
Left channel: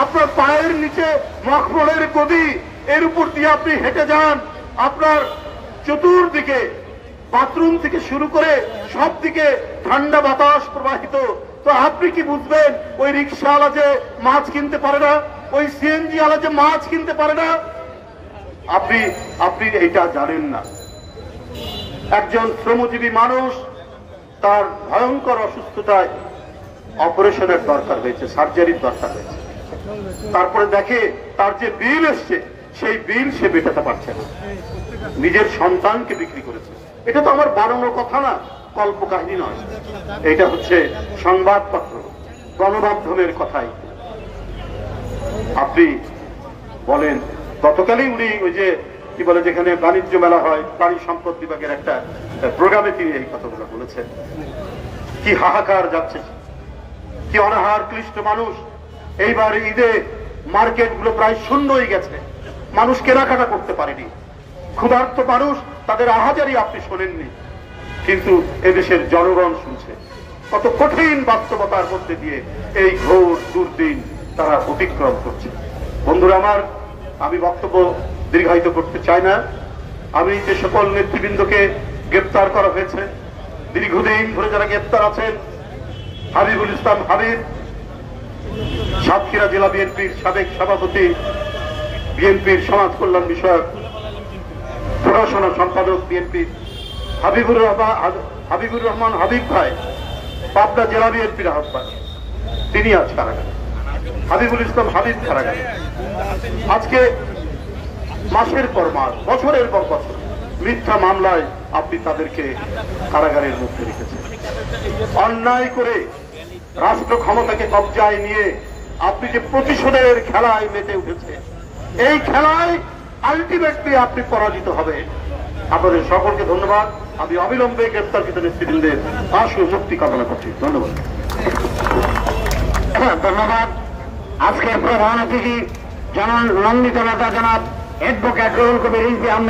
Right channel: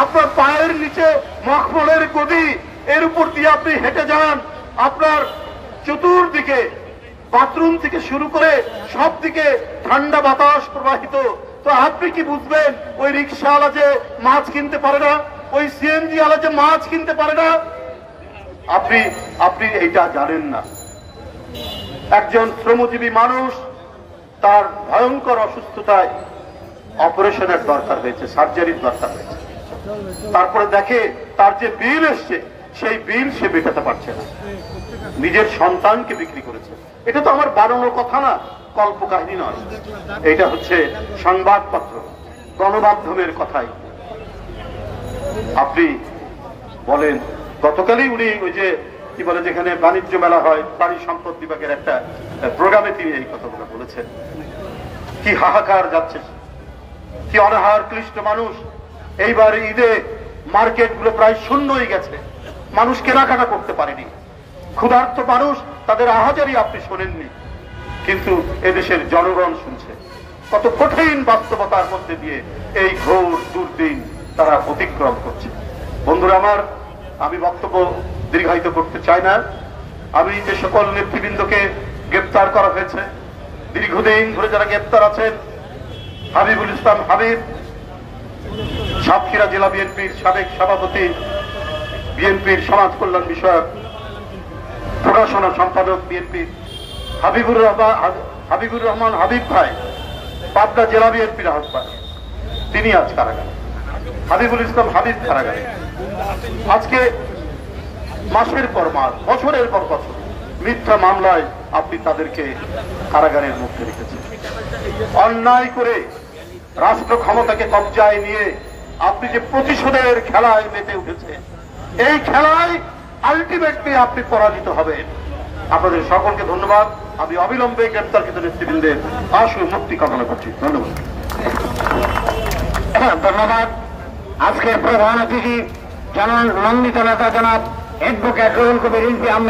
আপনার পায়ের নিচে মখমলের গদি, এর উপর দিয়ে আপনি হেঁটে যান, আপনার চতুর্দিকে বাথরুম থেকে শুরু করে সব দিকে ঠান্ডা বাতাস প্রবাহিত। তো আপনি কি বুঝবেন ওই রিক্সাওয়ালা যে মাছ কিনতে পারে না, ওই সিএনজি ওয়ালা যে মাছ কিনতে পারে না? আপনি এইটা জানেন না। একজন শ্রমজীবী মানুষ, তার ভয়ঙ্কর অসুস্থতায় অপারেশনের দরকার হয়েছে, সার্জারির দরকার হয়েছে, তারপরে দেখে তার যে বিল এসছে সেই বিল সে মেটাতে পারছে না, নিজের সন্তানকে বিক্রি করেছে। এটা তো আমার বানানো কথা না, কল্পকাহিনী নয়, এটা হচ্ছে সংবাদপত্র, গণমাধ্যমের কথাই। আপনি বলেন, গতকালই উনি ওই যে কি বলে, যেখানে বাণিজ্য মেলা হয়, প্রাণী সম্পদ বিভাগের একটা প্রোগ্রামে তিনি এই কথাগুলো বলেছেন। কি হাহাকার যাচ্ছে, কি অনাহার ক্লিষ্ট মানুষ। এইবার ঈদে মার্কেটগুলো প্রায় শূন্য হয়ে গেছে, মানুষ কেনাকাটা করতে পারেনি, ক্ষুধার্ত মানুষ, তাদের আহাজারি আপনি শোনেননি, কিন্তু এদেশের জনগণ শুনছে। কত কঠিন বাস্তবতার মধ্যে দিয়ে এই ঘোর দুর্দিন তারা অতিক্রম করছে। বন্ধুরা আমার, আমি বক্তব্য দীর্ঘায়িত করতে চাই না। আমি যে সকল নেতৃবৃন্দকে গ্রেপ্তার করা হয়েছে, দীর্ঘদিন ধরে যারা গ্রেপ্তার আছেন, হাবিবুল ইসলাম হাবিব, সাতক্ষীরা জেলা বিএনপির সাবেক সভাপতি, বিএনপির সমাজ কল্যাণ বিষয়ক প্রকাশনা সম্পাদক বিএনপির, হাবিবুর রহমান হাবিব ভাই, পাবনা জেলা বিএনপির আহ্বায়ক, তিনি আজ কারাগারে। হাবিবুল ইসলাম হাবিব কারাগারে। আজকে মাসের পর মাস, বছরের পর বছর মিথ্যা মামলায় আপনি তাদেরকে কারাগারের মধ্যে রেখেছেন। অন্যায় করে রাষ্ট্র ক্ষমতাকে কবজায় নিয়ে আপনি যে প্রতিশোধের খেলায় মেতে উঠেছে, এই খেলায় আলটিমেটলি আপনি পরাজিত হবে। আপনাদের সকলকে ধন্যবাদ। আমি অবিলম্বে গ্রেপ্তারকৃত নেতৃবৃন্দের আশু মুক্তি কামনা করছি। ধন্যবাদ। ধন্যবাদ। আজকের প্রধান অতিথি জননন্দিত নেতা জনাব অ্যাডভোকেট রুহুল কবির রিজভী আহমেদ।